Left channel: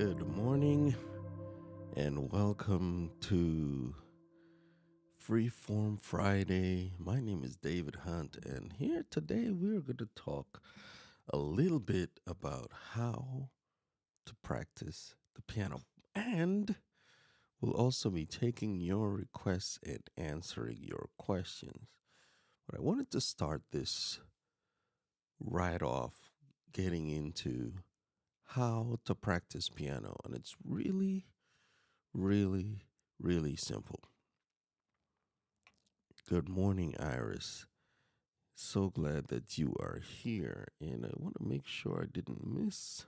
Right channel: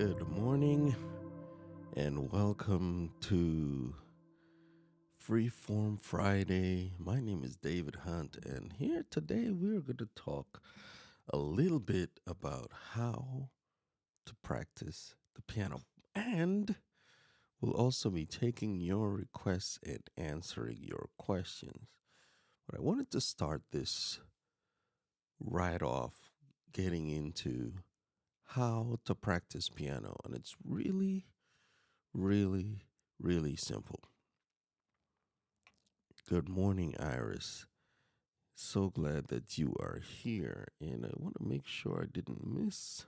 Good morning and welcome to Freeform Friday. My name is David Hunt, and here today we're going to talk a little bit about how to practice the piano. And we'll also be taking your requests and answering your questions. But I wanted to start this right off getting into how to practice piano. And it's really simple. Good morning, Iris. So glad that you are here. And I want to make sure I didn't miss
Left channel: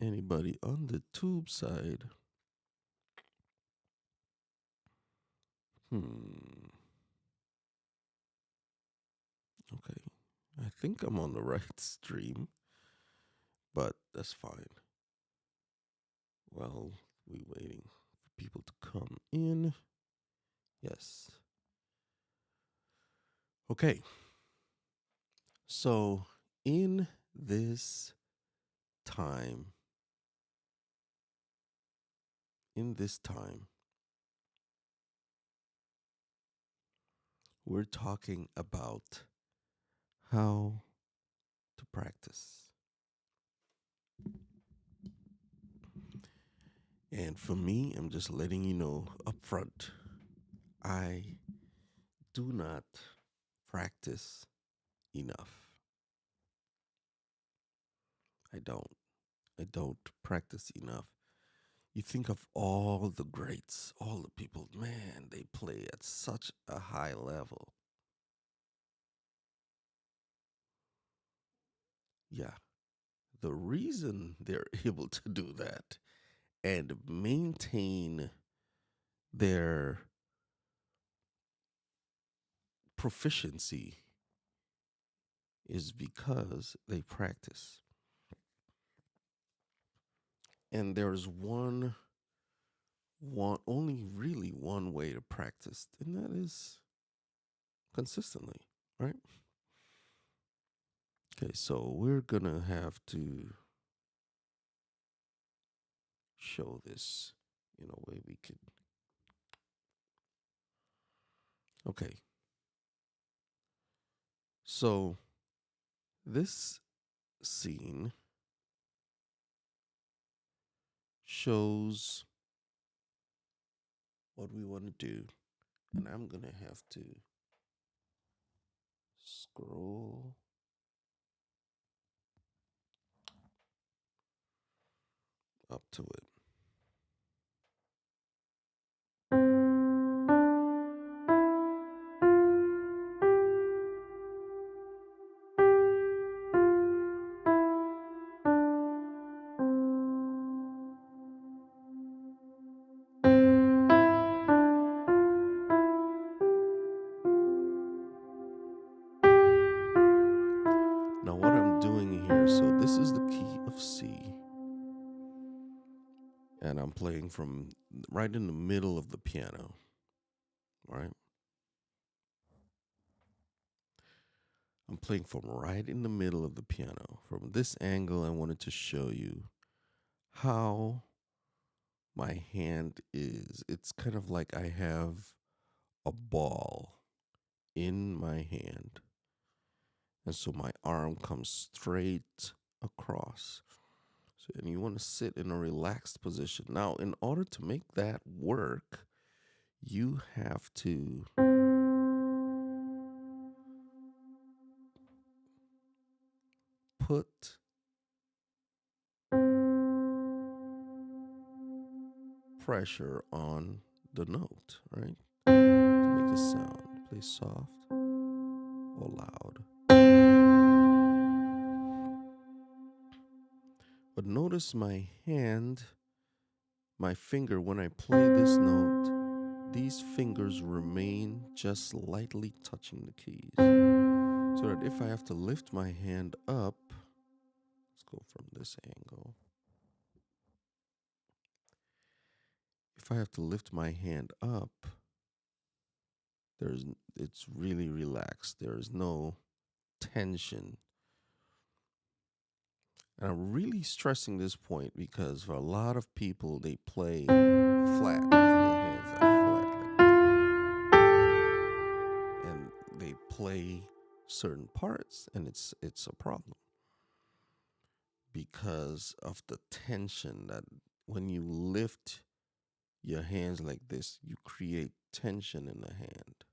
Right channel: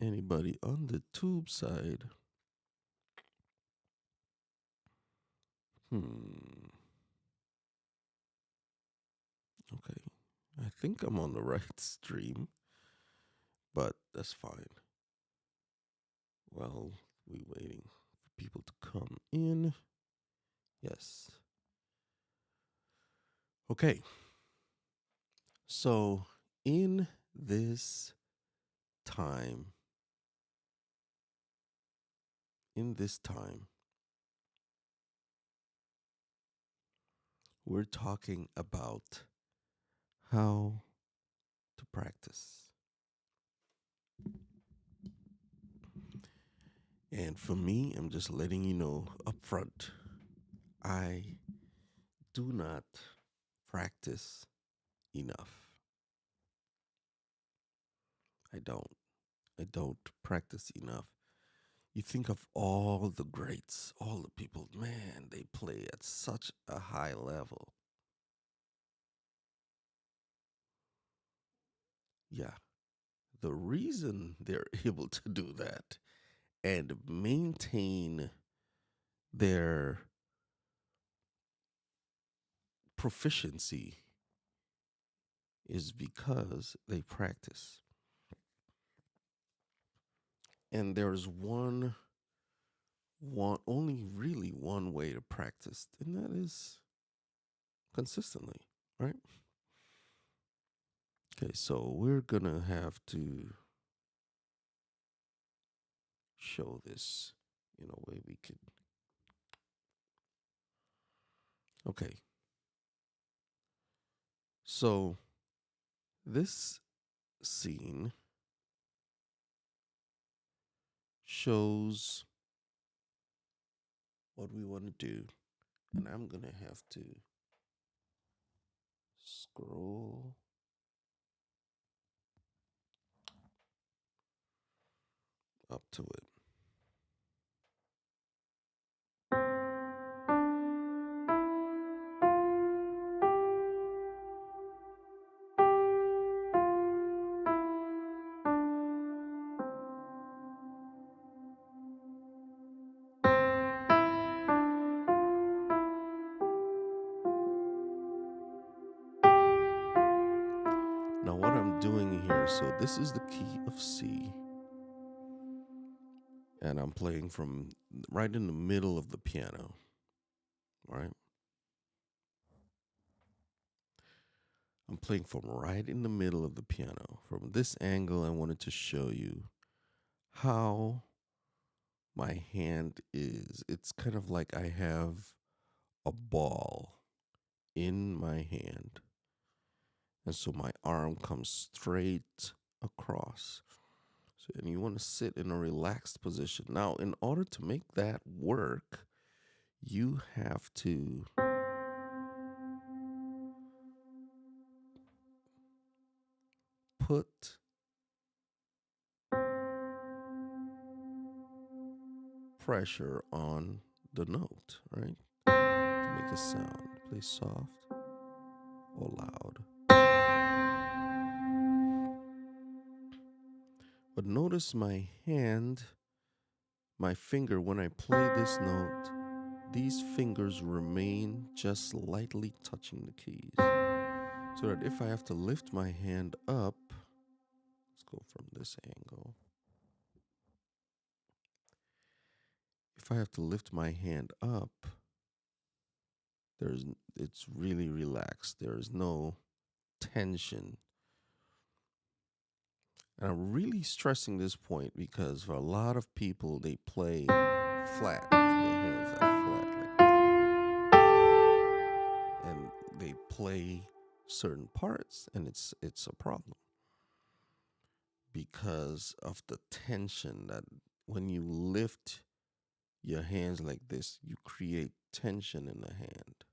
anybody on the tube side. Okay. I think I'm on the right stream, but that's fine. Well, we waiting for people to come in. Yes. Okay. So in this time, we're talking about how to practice. And for me, I'm just letting you know up front, I do not practice enough. I don't. I don't practice enough. You think of all the greats, all the people, man, they play at such a high level. Yeah. The reason they're able to do that and maintain their proficiency is because they practice. And there's only really one way to practice, and that is consistently, right? Okay, so we're gonna have to show this in a way we could. Okay, so this scene shows what we want to do, and I'm gonna have to scroll up to it. Now, what I'm doing here, so this is the key of C, and I'm playing from right in the middle of the piano, right? I'm playing from right in the middle of the piano. From this angle, I wanted to show you how my hand is. It's kind of like I have a ball in my hand. And so my arm comes straight across. So, and you want to sit in a relaxed position. Now, in order to make that work, you have to put pressure on the note, right? To make a sound. Play soft or loud. But notice my hand, my finger, when I play this note, these fingers remain just lightly touching the keys. So that if I have to lift my hand up, let's go from this angle. If I have to lift my hand up, it's really relaxed. There is no tension. And I'm really stressing this point because for a lot of people, they play flat. Their hands are flat like this. And they play certain parts, and it's a problem because of the tension that when you lift your hands like this, you create tension in the hand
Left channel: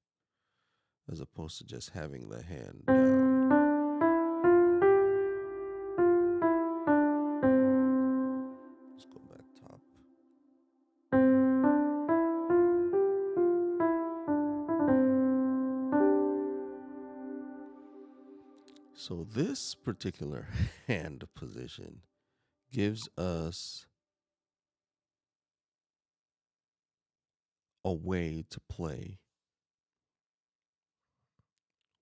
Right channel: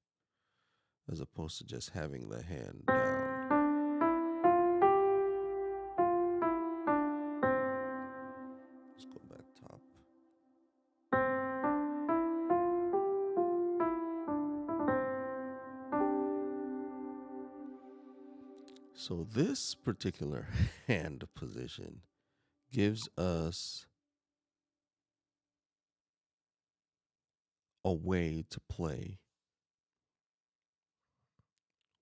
as opposed to just having the hand down. Let's go back top. So this particular hand position gives us a way to play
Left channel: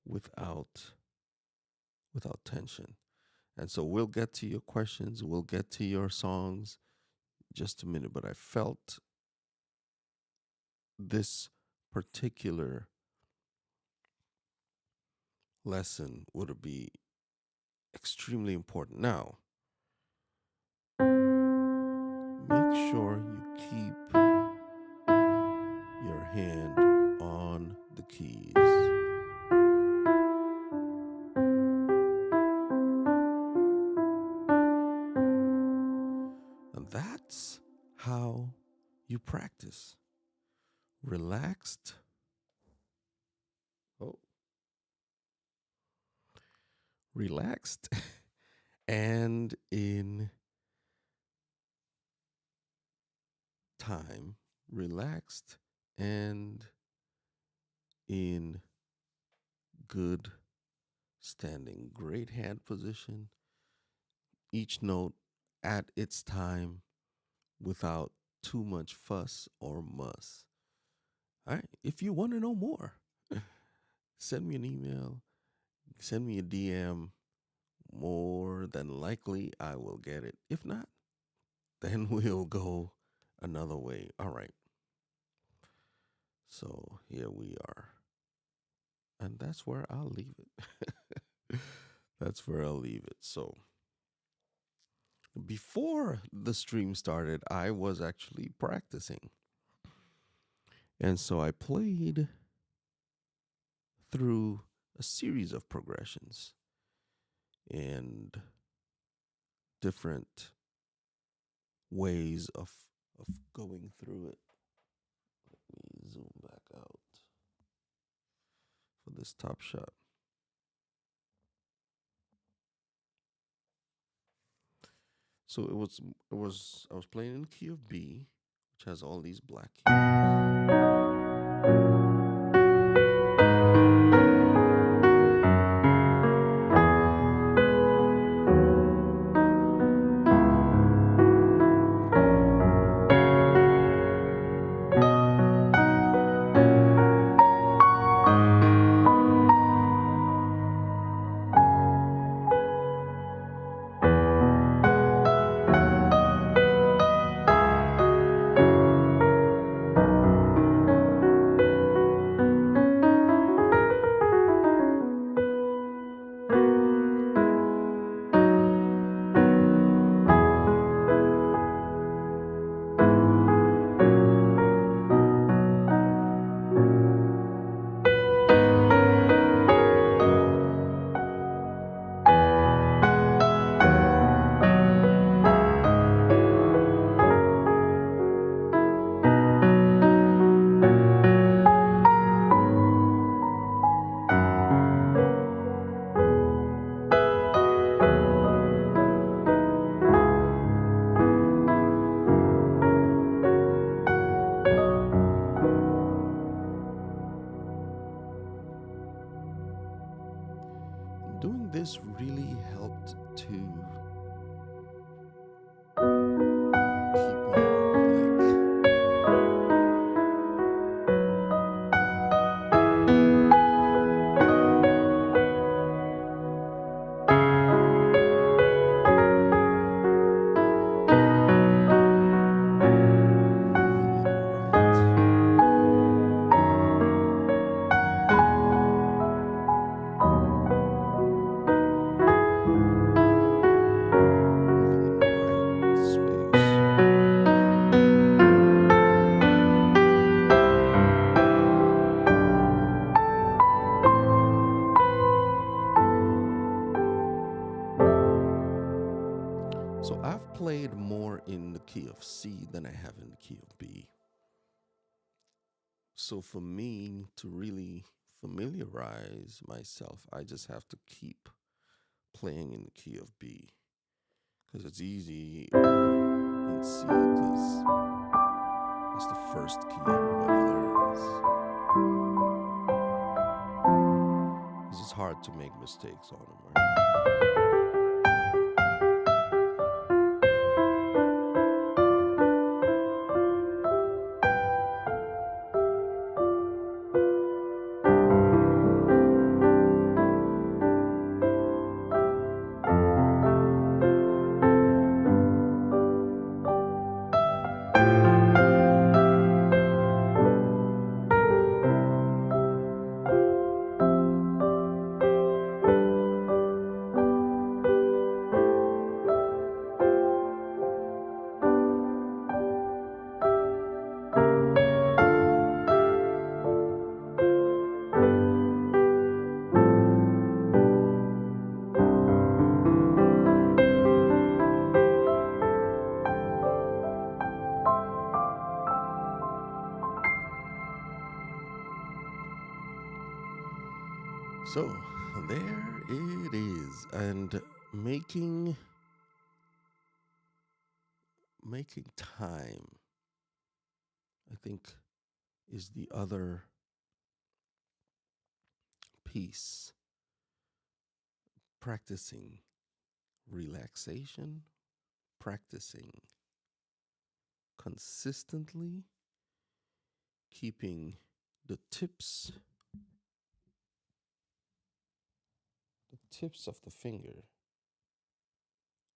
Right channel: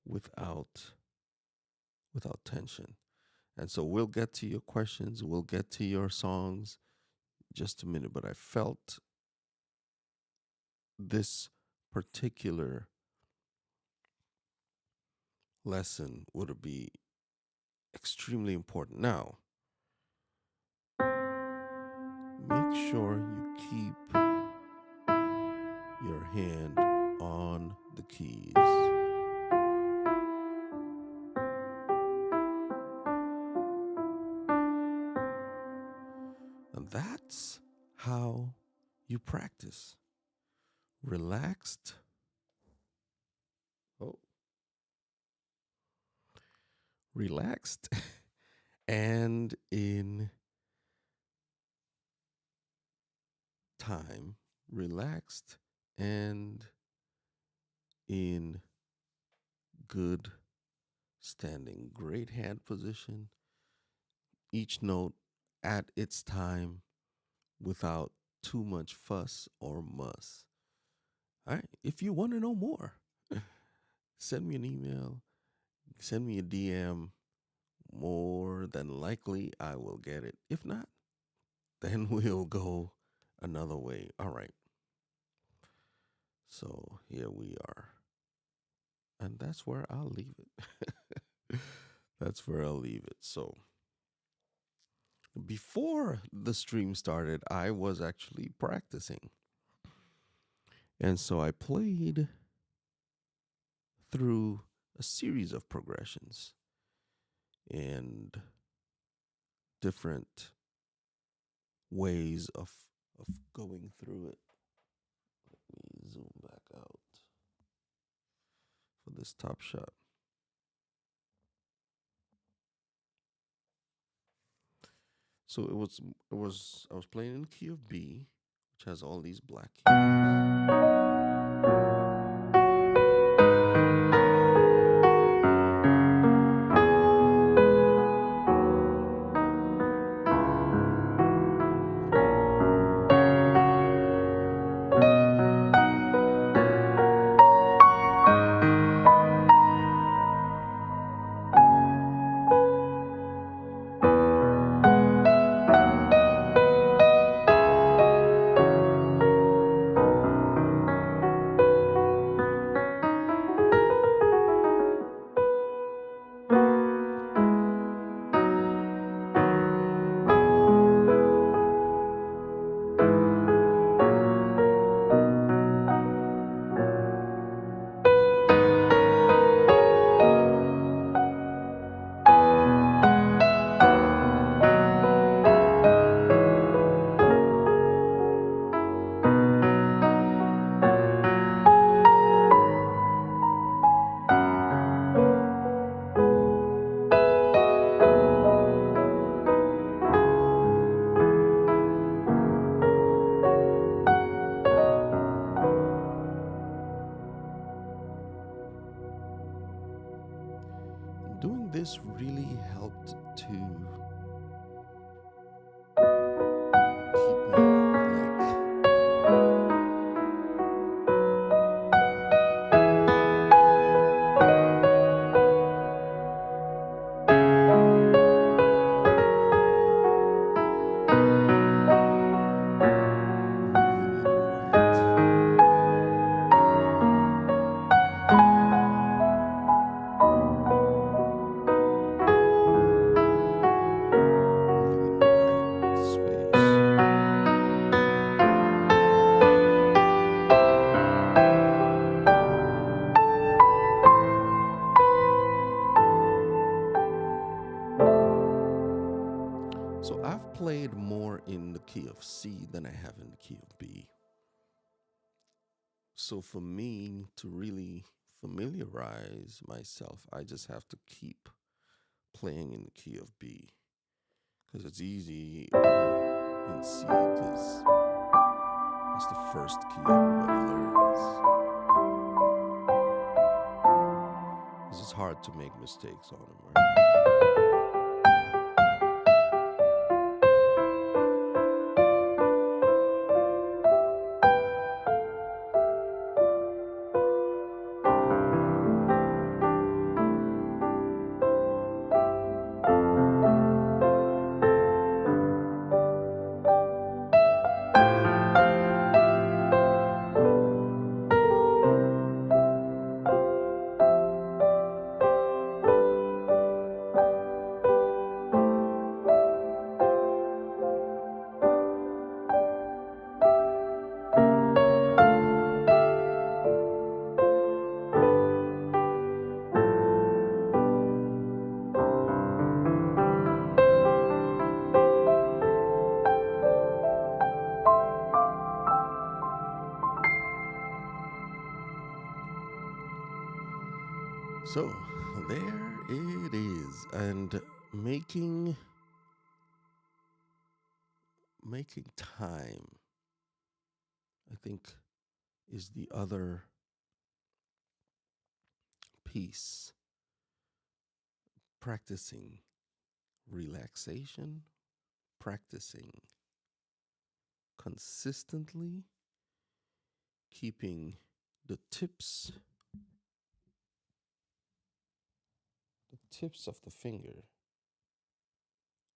without tension. And so we'll get to your questions, we'll get to your songs just a minute, but I felt this particular lesson would be extremely important. Now, make sure you keep your hand on the keys. And that's how you practice. Relaxed. Oh, relaxed and in time, relaxed and in good standing. Great hand position. Each note at its time without too much fuss or muss. All right. If you want to know more, send me an email, send me a DM. More than likely, I will get it. If not, then we'll go another way. All right. So here we are. And that's where I'll leave it. That's where I'll leave it. So before the stream started, I was actually practicing. And so I played through a series of progressions and different ways of going through it. Let me zoom back out for this top shot. So I was playing in key of B, which has all these black keys. Doing this really helped to keep me So I've played more in the key of C than I have in the key of B. So for me to really familiarize myself, I just have to keep playing in the key of B because it's easy in C because that's the first key everybody learns. It's just hard to make mistakes on them, right? So there it is, and making time, I think, is the other piece. Practicing relaxation, practicing consistently, keeping the tips of the finger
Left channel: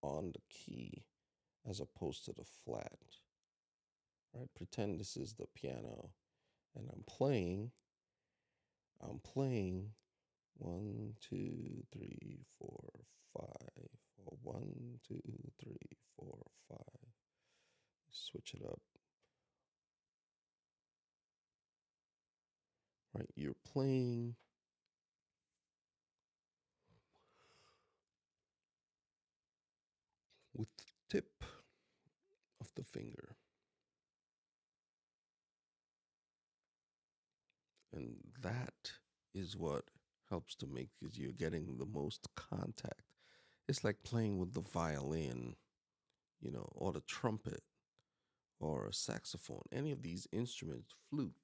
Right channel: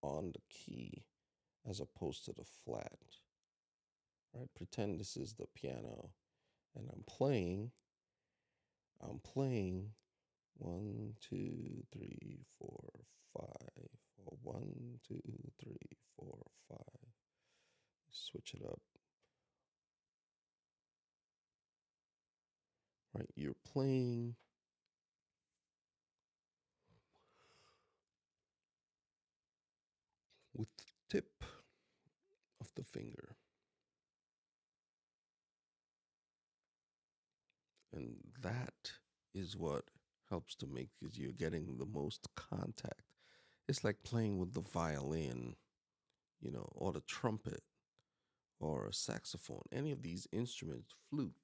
on the key as opposed to the flat. Right? Pretend this is the piano and I'm playing 1, 2, 3, 4, 5, or 1, 2, 3, 4, 5. Switch it up. Right? You're playing with the tip of the finger. And that is what helps to make because you're getting the most contact. It's like playing with the violin, or the trumpet or a saxophone, any of these instruments, flute,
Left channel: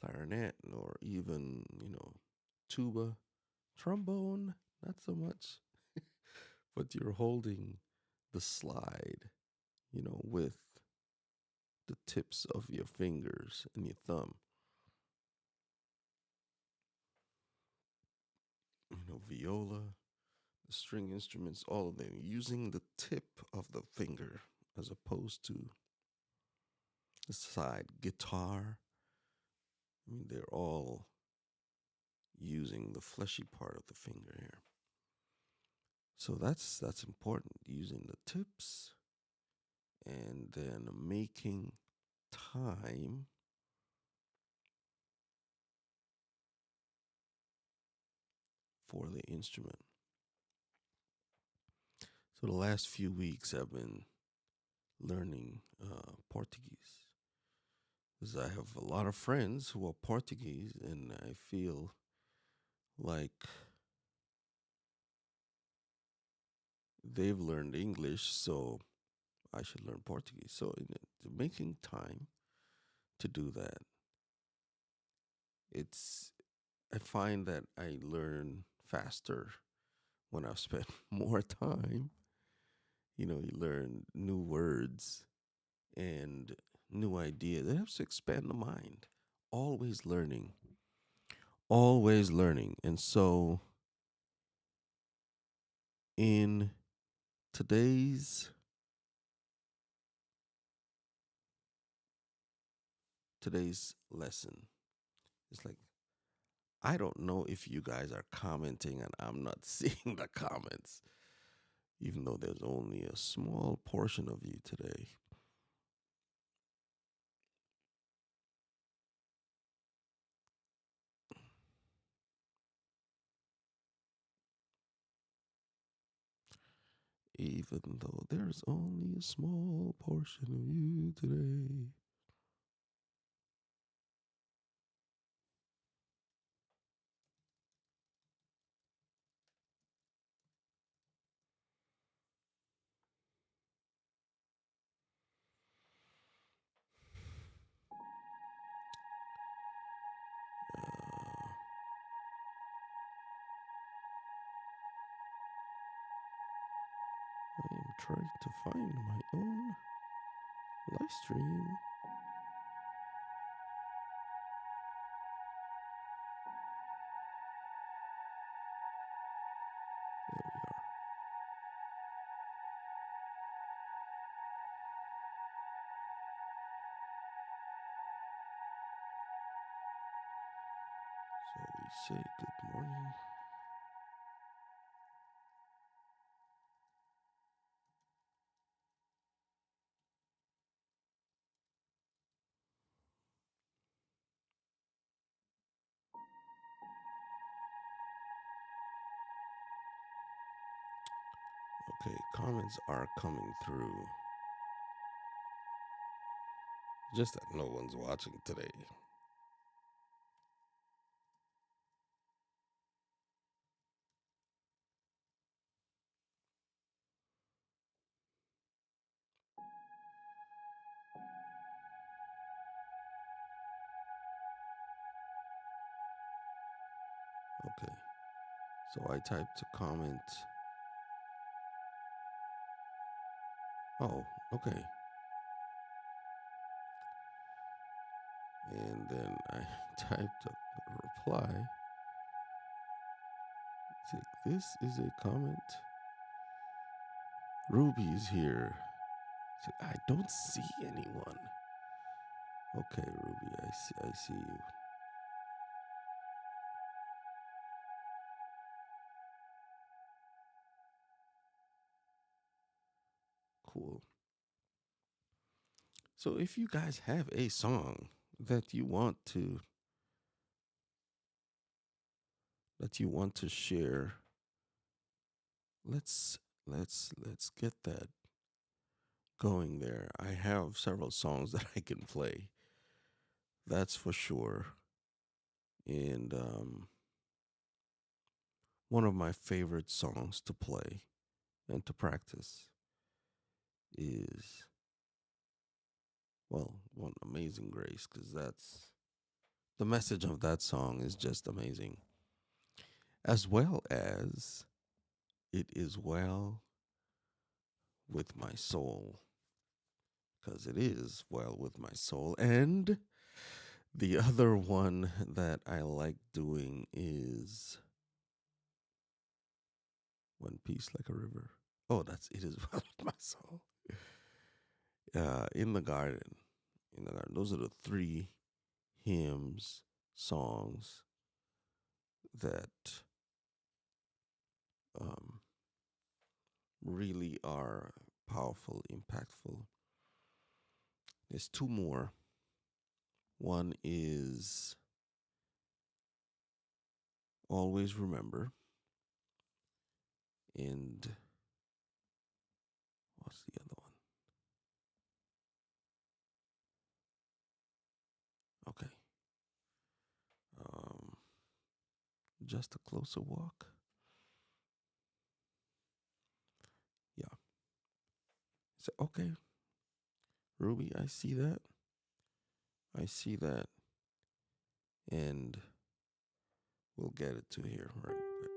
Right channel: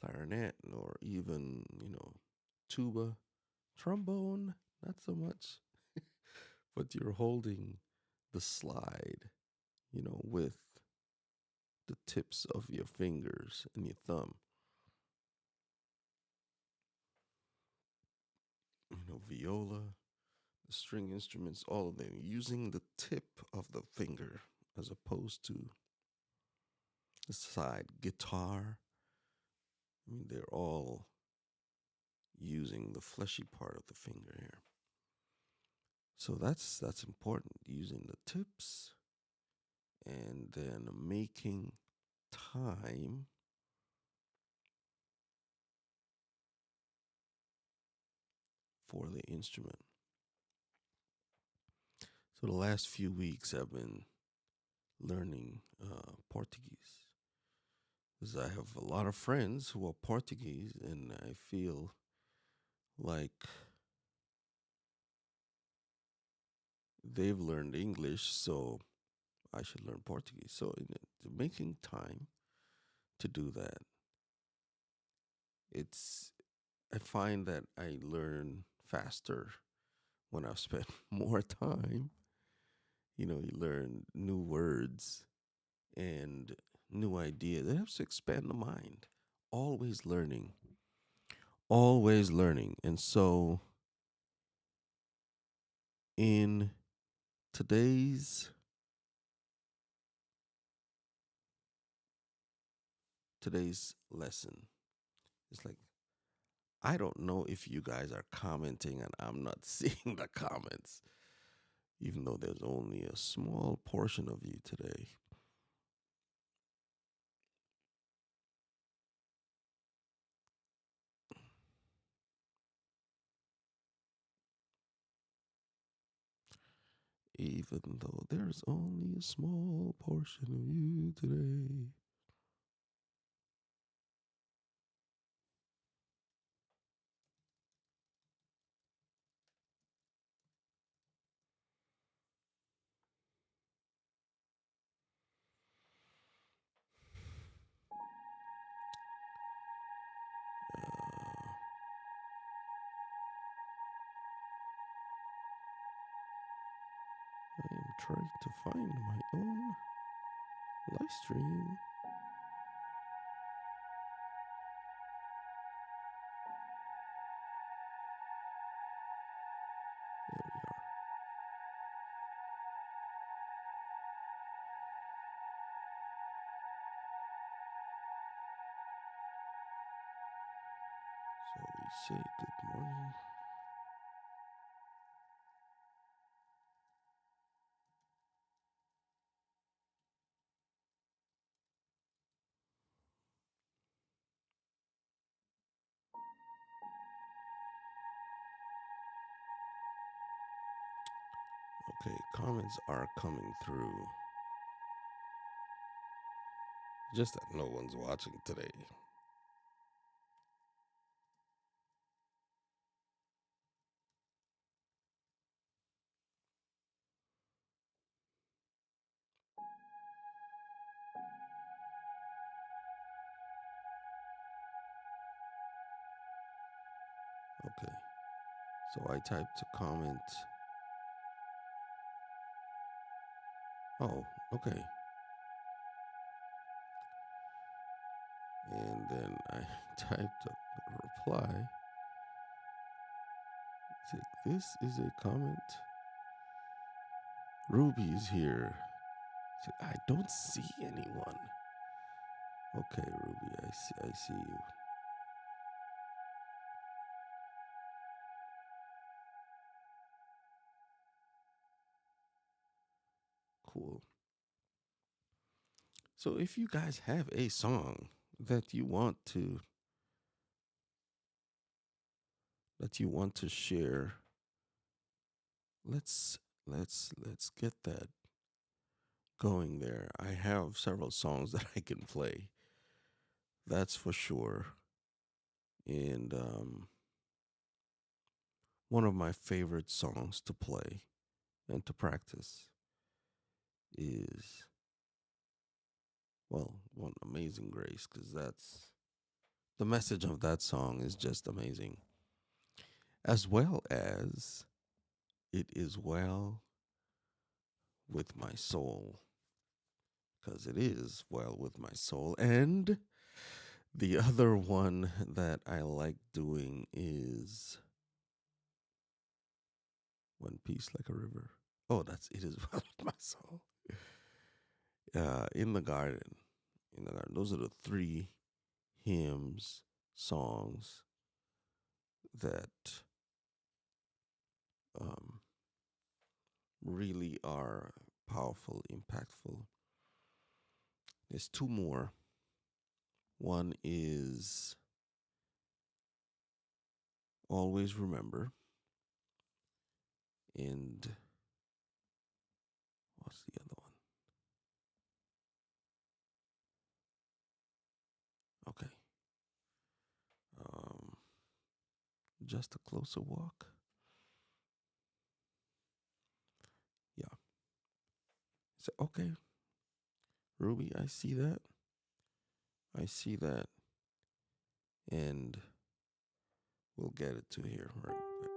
clarinet, or even, tuba, trombone, not so much, but you're holding the slide, with the tips of your fingers and your thumb. Viola, the string instruments, all of them using the tip of the finger as opposed to the side. Guitar, they're all using the fleshy part of the finger here. So that's important, using the tips and then making time for the instrument. So the last few weeks I've been learning Portuguese because I have a lot of friends who are Portuguese, and I feel like they've learned English, so I should learn Portuguese. So making time to do that, it's I find that I learn faster when I've spent more time. You learn new words and new ideas. It helps to expand the mind. Always learning. Always learning. And so in today's lesson, it's like I don't know if you guys are commenting and I'm not seeing the comments, even though there's only a small portion of you today. even though there's only a small portion of you today. I am trying to find my own live stream. There we are. So we say good morning. Okay, comments are coming through. Just that no one's watching today. Okay, so I typed a comment. Oh, okay. And then I typed a reply. It's like, this is a comment. Ruby's here. It's like, I don't see anyone. Okay, Ruby, I see you. Cool. So if you guys have a song that you want to share, let's get that going there. I have several songs that I can play. That's for sure. And one of my favorite songs to play and to practice is, well, one Amazing Grace, because that's the message of that song is just amazing. As well as It Is Well with My Soul, because it is well with my soul. And the other one that I like doing is One Piece Like a River. Oh, that's It Is Well with My Soul. In the Garden. In the Garden. Those are the three hymns, songs that really are powerful, impactful. There's two more. One is Always Remember. And what's the other one? Okay. Just a Closer Walk. Yeah. So, okay. Ruby, I see that. I see that. And we'll get it to here right quick.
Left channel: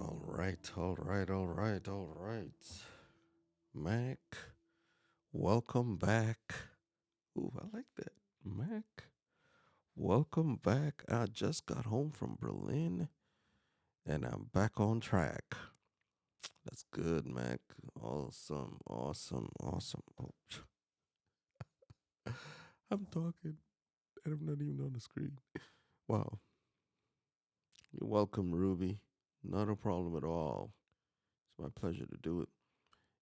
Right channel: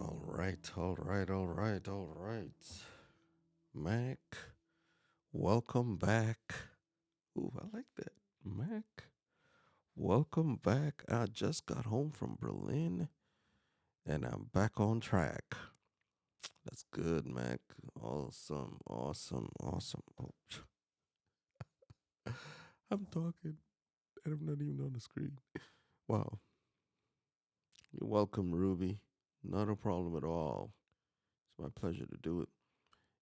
All right, all right, all right, all right. Mac, welcome back. Ooh, I like that. Mac, welcome back. I just got home from Berlin and I'm back on track. That's good, Mac. Awesome, awesome, awesome. Oh, I'm talking and I'm not even on the screen. Wow. You're welcome, Ruby. Not a problem at all. It's my pleasure to do it.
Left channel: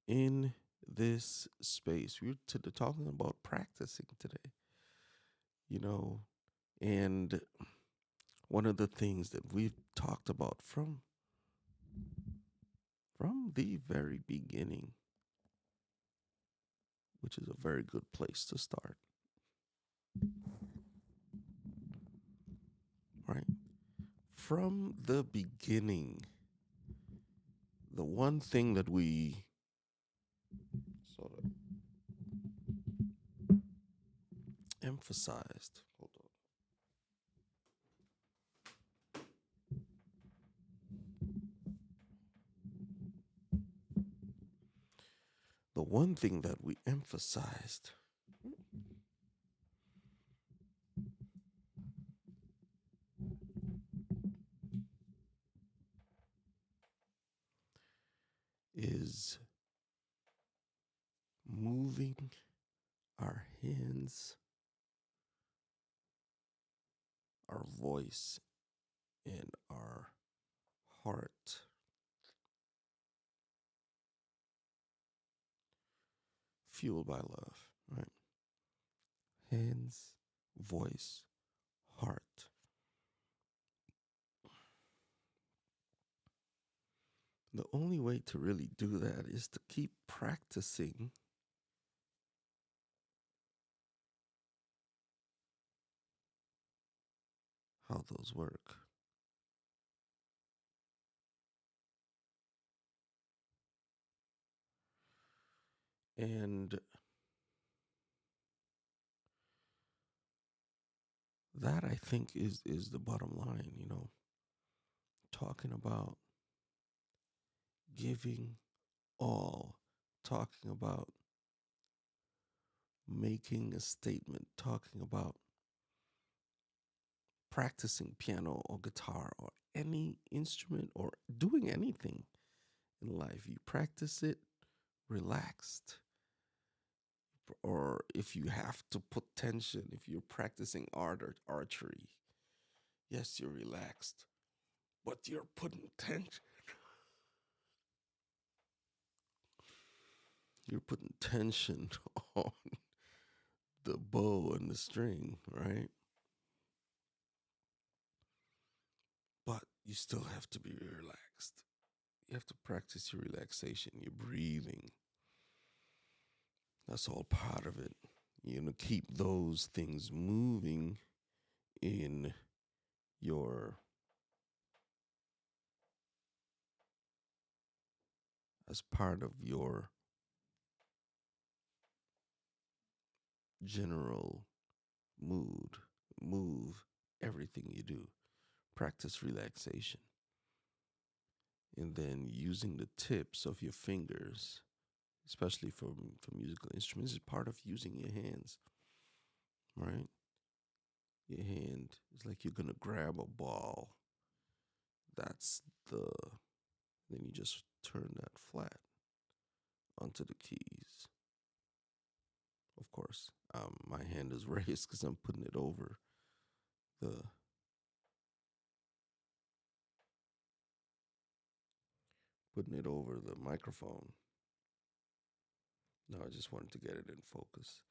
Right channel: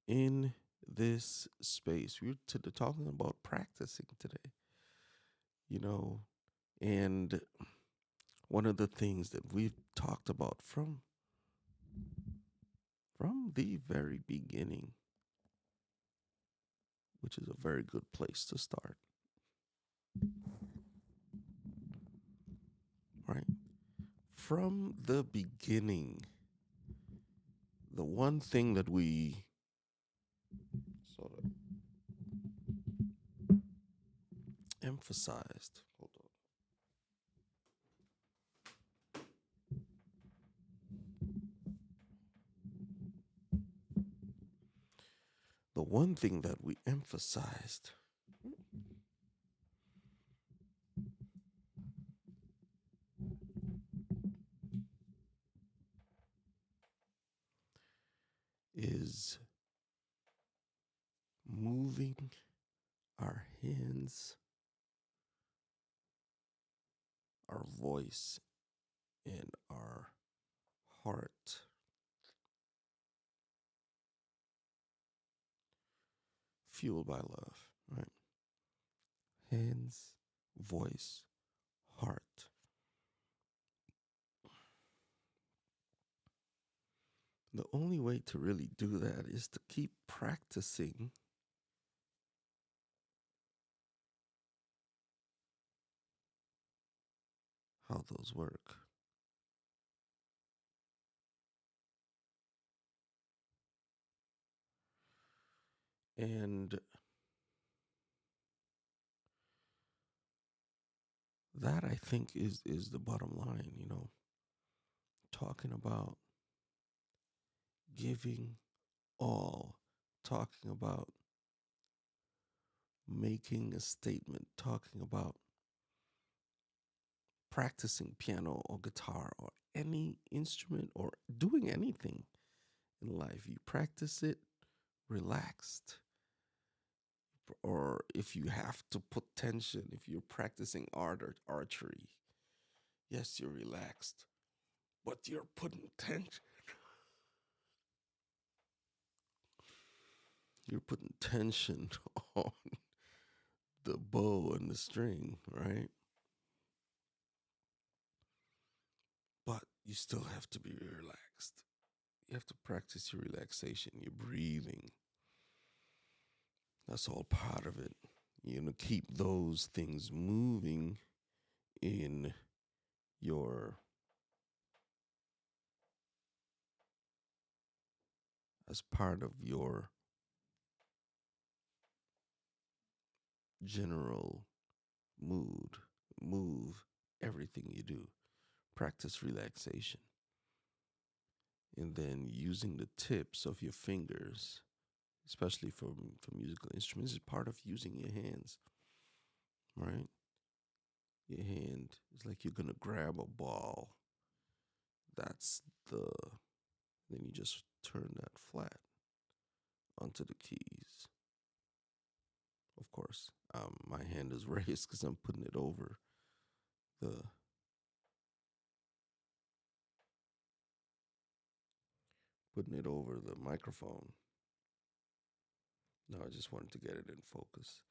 In this space, we're talking about practicing today, you know, and one of the things that we've talked about from the very beginning, which is a very good place to start, right? From the beginning, the one thing that we sort of emphasized, hold on, the one thing that we emphasized is moving our hands, our voice, and our heart fueled by love, right? Hands, voice, heart. The only way to really do that is to keep practicing how those work. And that I think is the bottom line, talking about giving all, talking about making a statement, talking about practicing piano or guitar or any instrument or doing anything in life. You practice it relaxed. Or if you have to put tension, if you're practicing art or archery, yes, you're relaxed, but you're putting tension. You're putting tension on the bow and the string, right? But you still have to be relaxed. You have to practice your relaxation, your breathing. That's all part of it. Keep those things moving in your, as part of your general mood. Move everything you do. Practice relaxation. And then using the tips of your fingers, especially for musical instruments, is part of using your hands, right? Your hand is like you're gonna grab a ball. That's the then you just turn that flat onto the keys. Of course, my hand is raised because I'm the putting it over the microphone. No, I just wanted to get it in focus.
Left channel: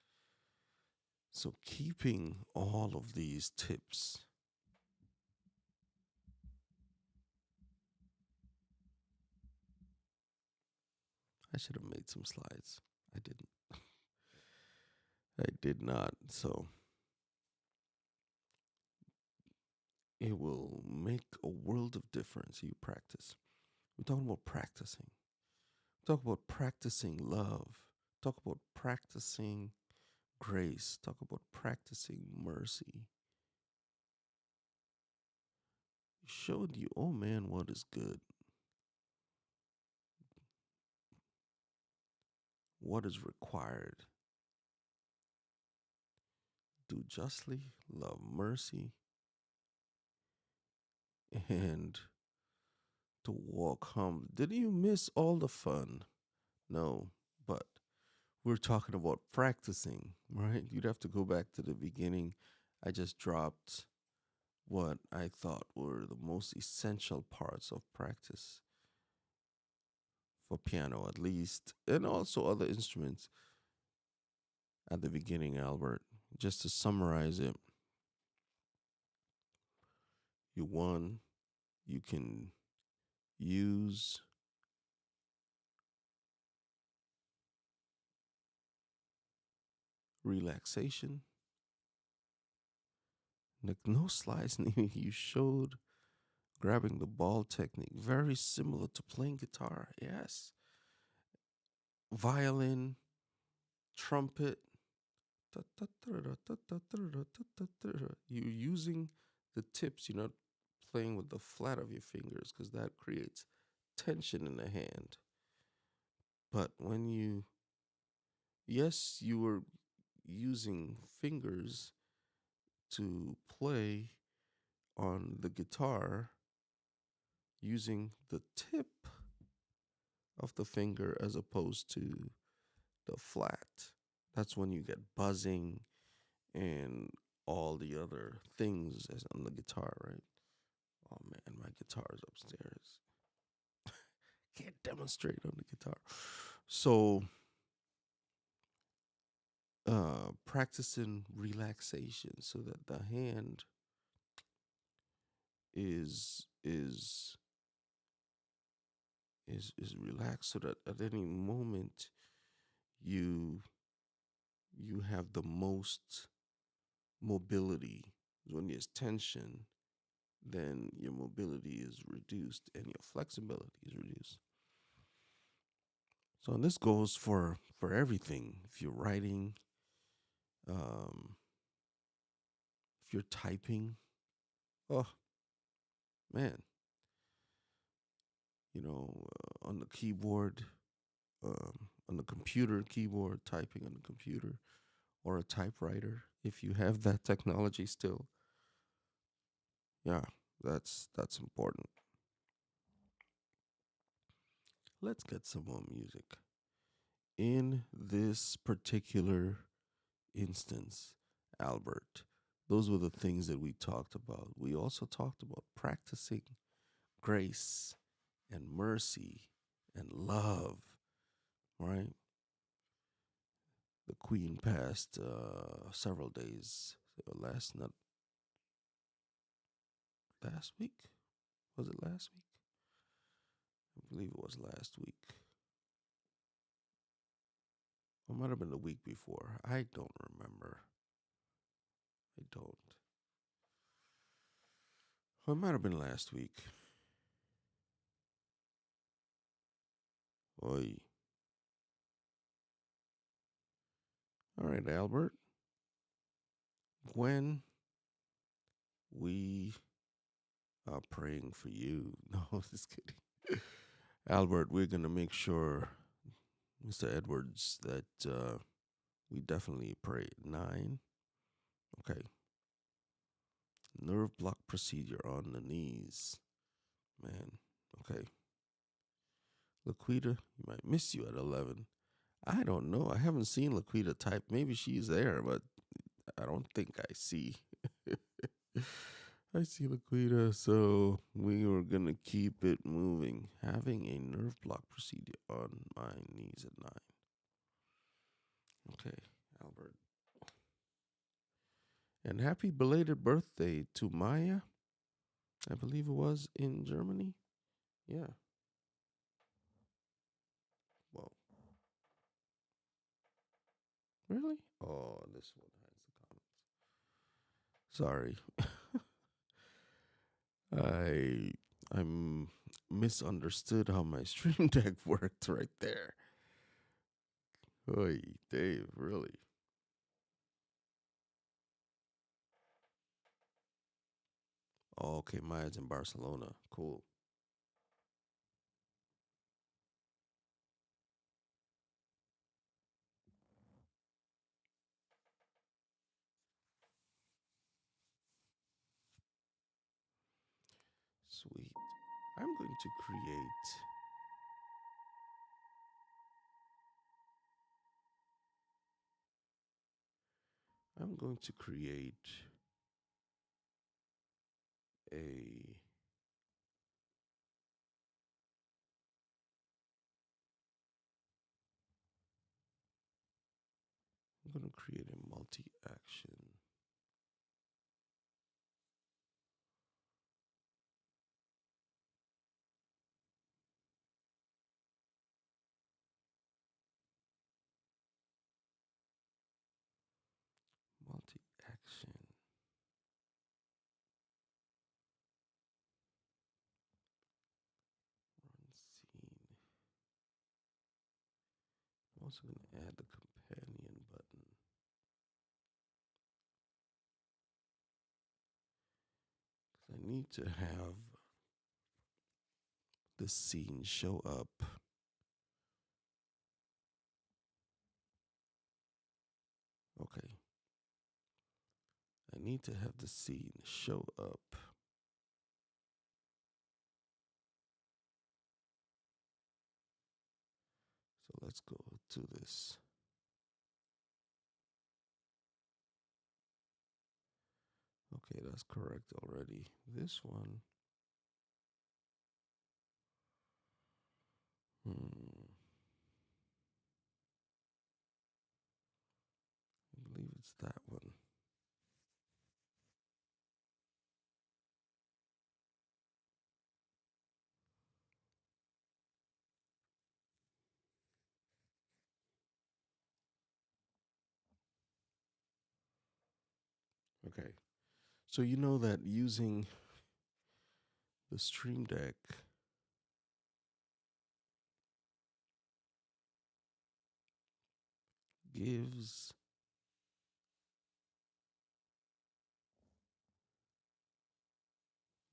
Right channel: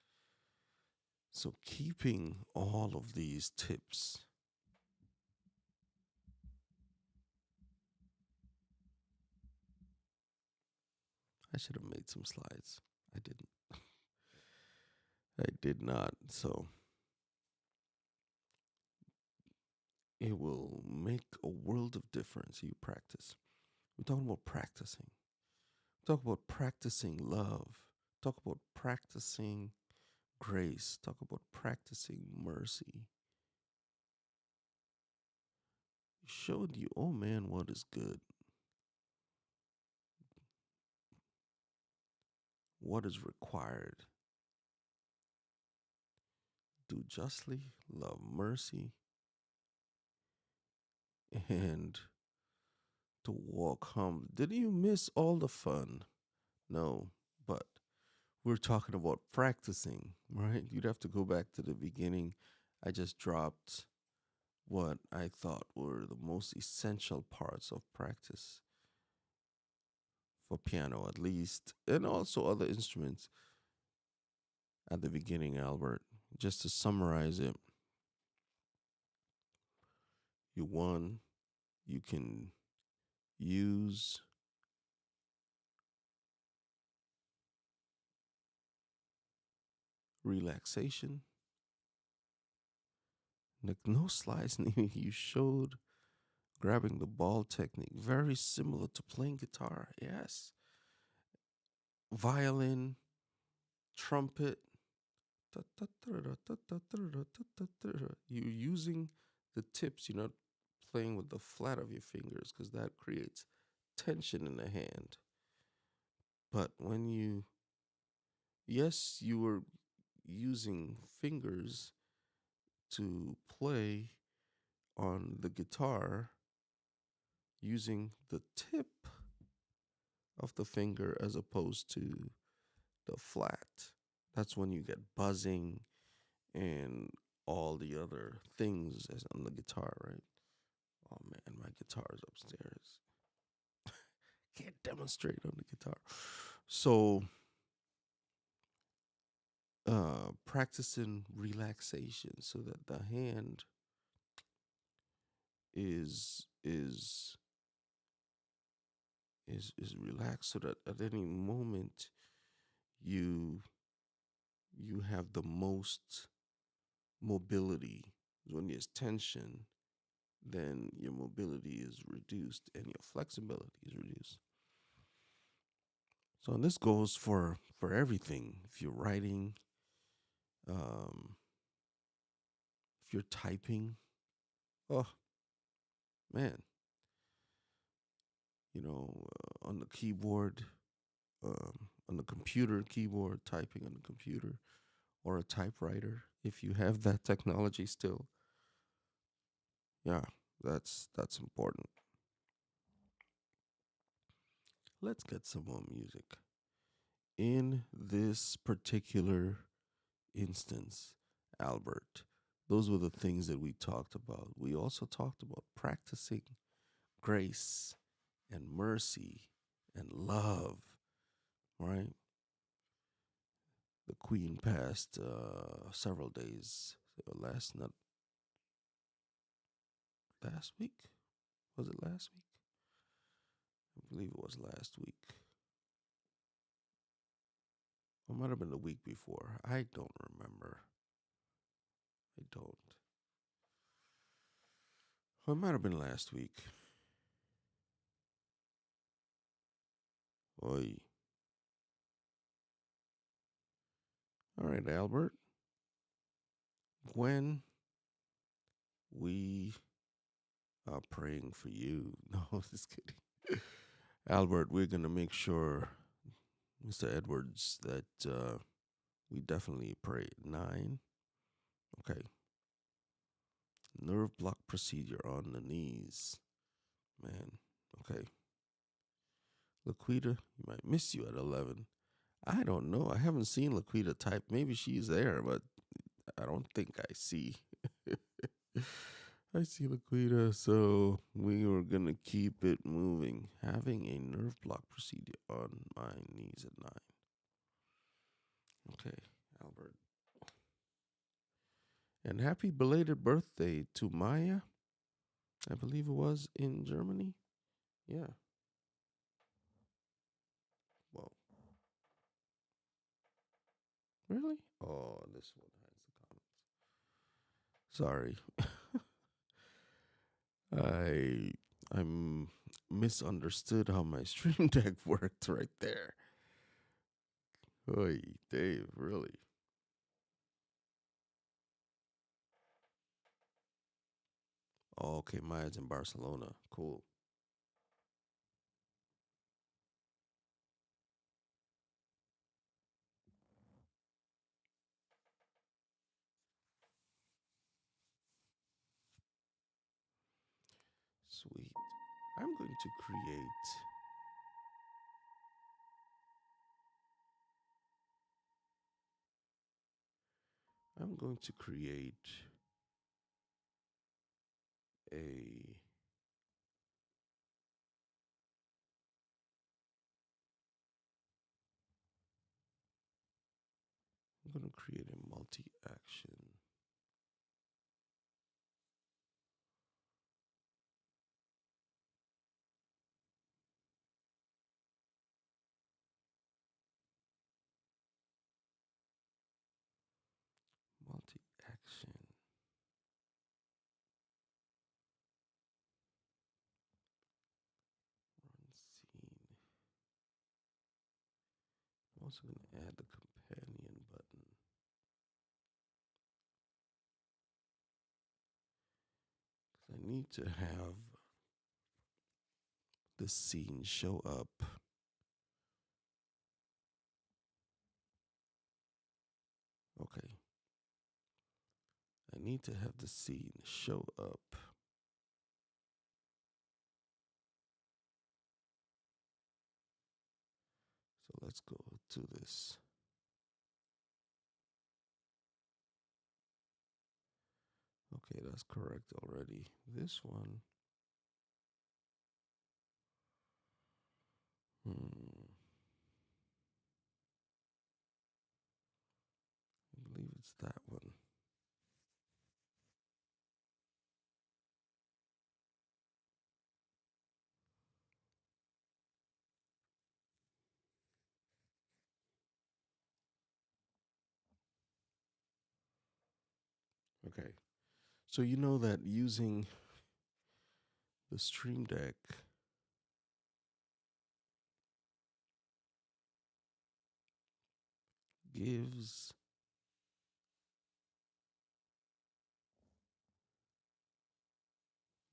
So keeping all of these tips, I should have made some slides. I didn't. I did not. So it will make a world of difference. You practice. We're talking about practicing. Talk about practicing love. Talk about practicing grace. Talk about practicing mercy. Showed you, oh man, what is good. what is required: do justly, love mercy, and to walk humbly. Did you miss all the fun? No, but we're talking about practicing, right? You'd have to go back to the beginning. I just dropped what I thought were the most essential parts of practice for piano, at least, and also other instruments at the beginning, Albert. Just to summarize it, one, you can use relaxation. Like no slides needed. You showed grabbing the ball technique, very similar to playing guitar. Yes. Violin, trumpet. You're using the tips. You're not playing with the flat of your fingers because that creates tension in the hand. But when yes, you were using fingers to play on the guitar using the tip of the finger as opposed to the flat. That's when you get buzzing and all the other things as on the guitar, right? Oh man, my guitar is upstairs. Can't demonstrate on the guitar. So, practicing relaxation so that the hand is is relaxed, so that at any moment you you have the most mobility. When there's tension, then your mobility is reduced and your flexibility is reduced. So this goes for everything. If you're writing, um, if you're typing, oh man, on the keyboard, on the computer keyboard, typing on the computer, or a typewriter, if you have that technology still, yeah, that's important. Let's get some more music. In this particular instance, Albert, those were the things that we talked about. We also talked about practicing grace and mercy and love, right? The Queen passed several days not last week. Was it last week? I believe it was last week. Or it might have been the week before. I don't remember. I don't. Or it might have been last week. Oi. All right, Albert. When we are praying for you. No, just kidding. Albert, we're going to make sure, Mr. Edwards, that we definitely pray at 9. Okay. Nerve block procedure on the knees. Man, okay. Laquita, you might miss you at 11. I don't know. I haven't seen Laquita type. Maybe she's there, but I don't think I see. I see Laquita, so we are gonna keep it moving. Having a nerve block procedure on my knees at 9. Okay, Albert. And happy belated birthday to Maya. I believe it was in Germany. Yeah. Well, really? Oh, this one has the comments. Sorry. I'm misunderstood how my stream deck worked right there. Oy, Dave, really? Oh, okay, Maya's in Barcelona. Cool. Sweet. I'm going to create I'm going to create a I'm going to create a multi-action. Multi-action. Run scene. I'm also going to add the companion button. Because I need to have the scene show up. Okay. I need to have the scene show up. So let's go to this. Okay, that's correct already. This one. I believe it's that one. Okay. So you know that using the Stream Deck gives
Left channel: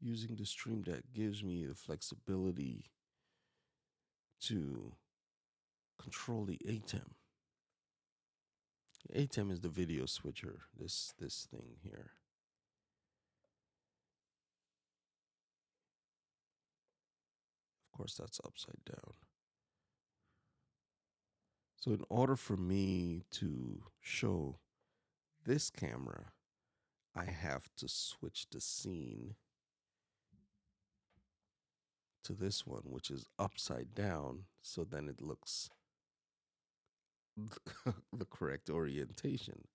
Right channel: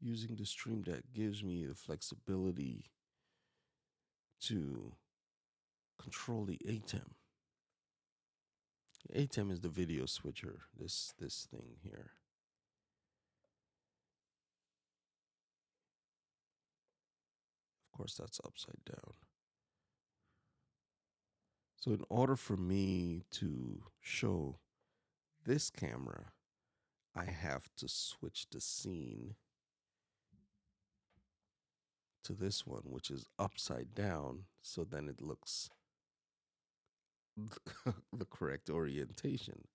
using the Stream Deck gives me the flexibility to control the ATEM. ATEM is the video switcher, this thing here. Of course, that's upside down. So in order for me to show this camera, I have to switch the scene to this one, which is upside down, so then it looks the correct orientation.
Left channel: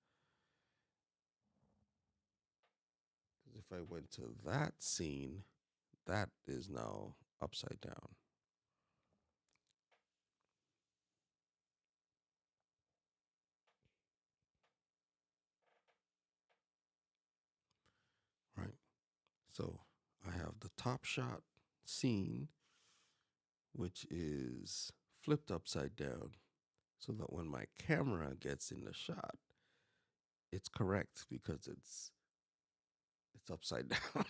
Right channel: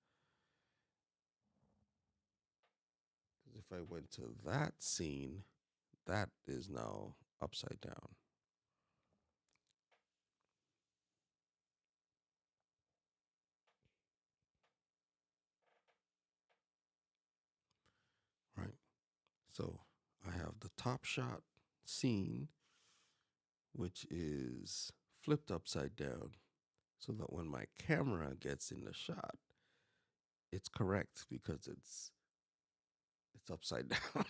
Because if I went to that scene, that is now upside down. Right. So I have the top shot scene, which is flipped upside down, so that when my camera gets in the shot, it's correct because it's upside down.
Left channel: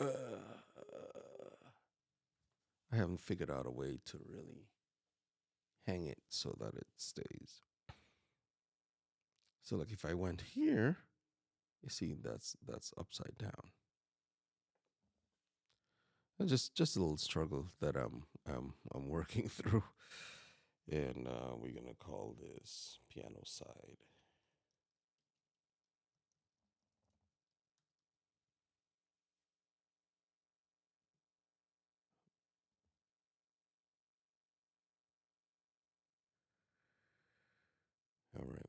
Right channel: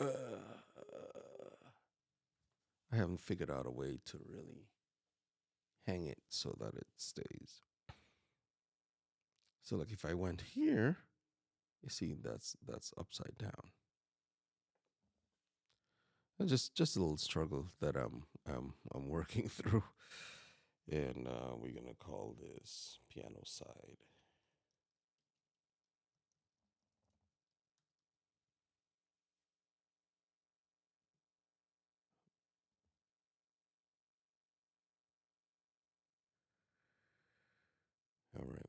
uh, I haven't figured out a way to really hang it so that it stays. So like if I went here, you see that's upside down. And just a little struggle that I'm working through, and we're gonna call this piano side. All right.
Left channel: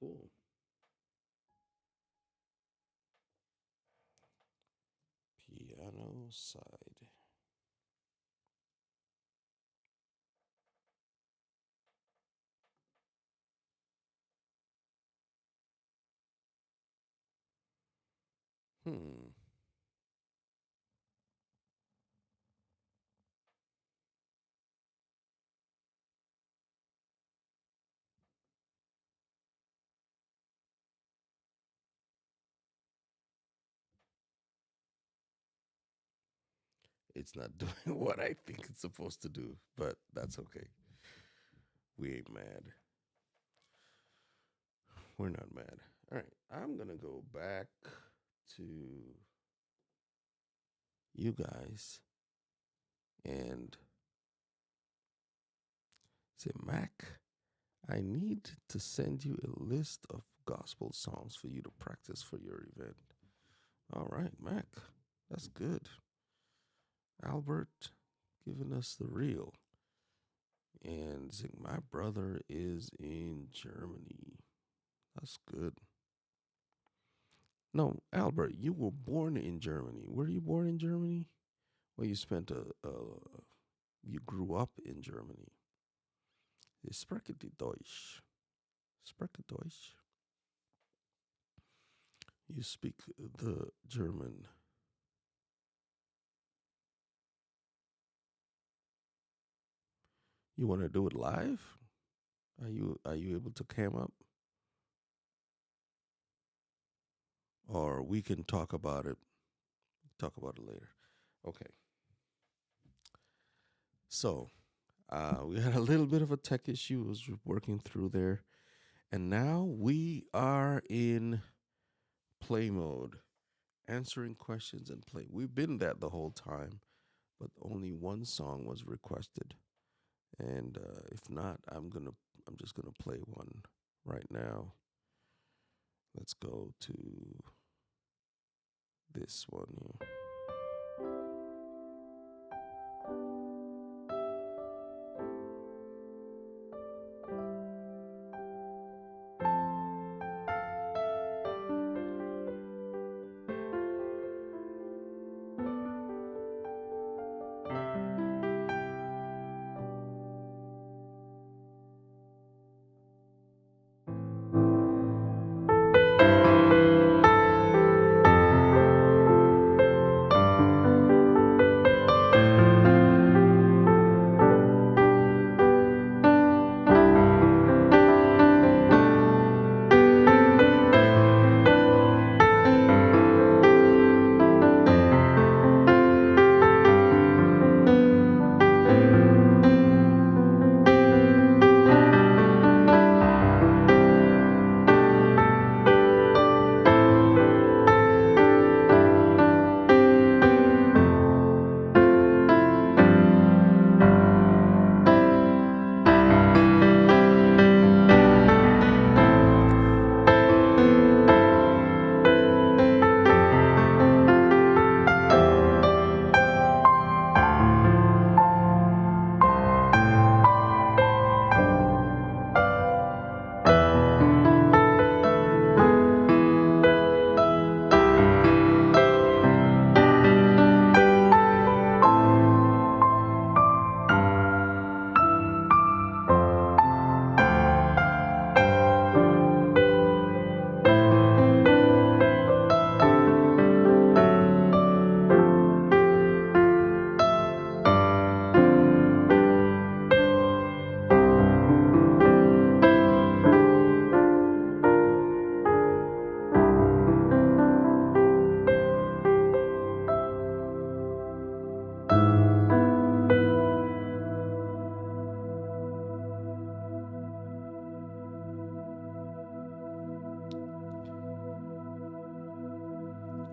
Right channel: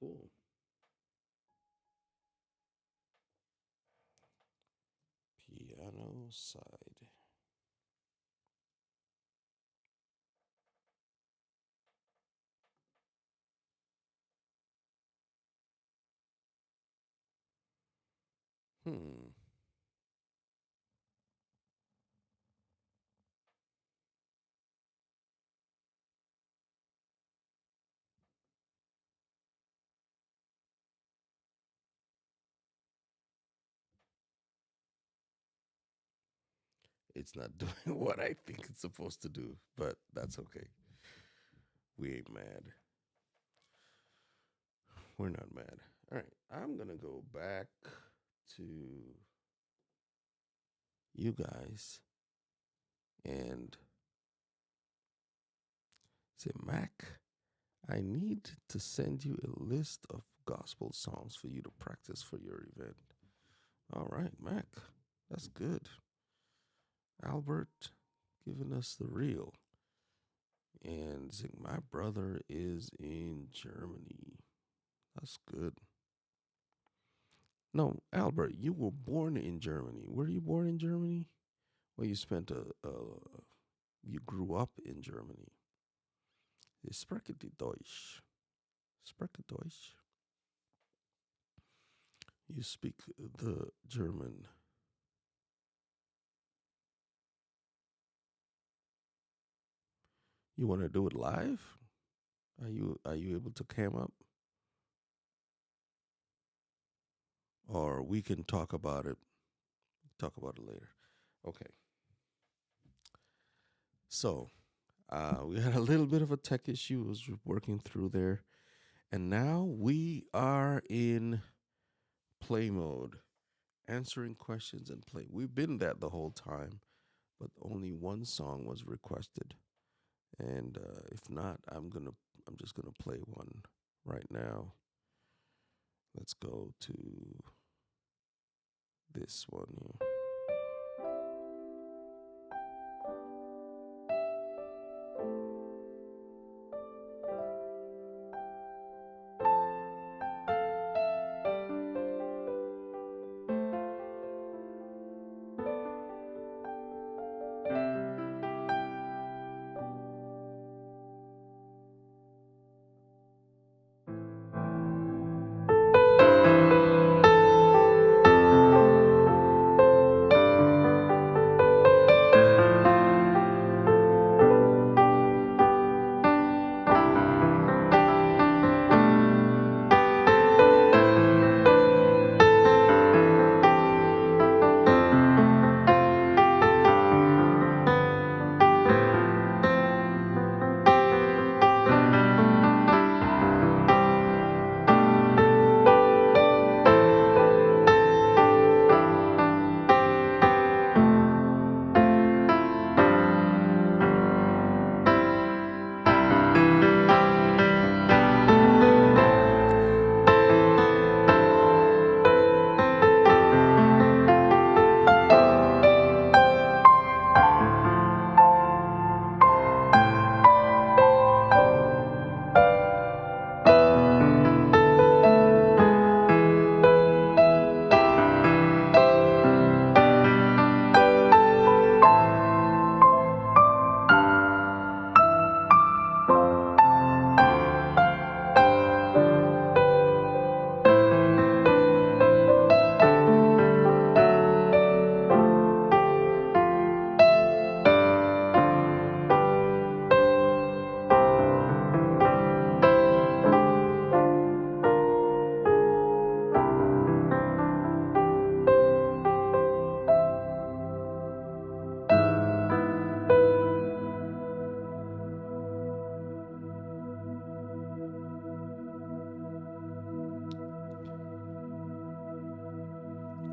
Cool. Piano side. Hmm. It's not doing what I think it's supposed to do, but that's okay. We ain't mad. We're not mad. All right. I'm going to go back to you guys and say, Mac, I need to send you a list of gospel songs for you to practice for your event. All right, Mac. That's good. Albert giving us the real. And saying, my brother is in Germany. That's good. No, Albert, you were born in Germany. Were you born in Germany? Well, you spent you grew up in Germany. Spreche die Deutsch. Spreche Deutsch. You speak the German. You want to do it live? Are you able to cam up? Or we can talk about it. Talk about it later. Okay. So we had a little bit of a tech issue. Was working through there, and now we are in play mode, answering questions and play. We've been that the whole time, but only one song was requested, and if not, I'm just gonna play one right now. Let's go to this one here.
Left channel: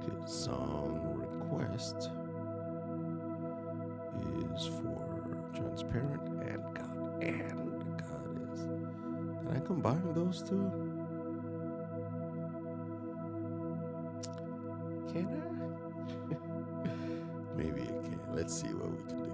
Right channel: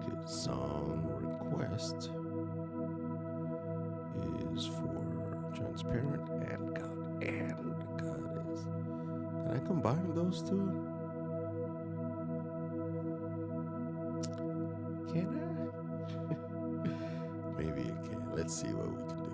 Okay, song request is for Transparent and God. And God is. Can I combine those two? Can I? Maybe I can. Let's see what we can do.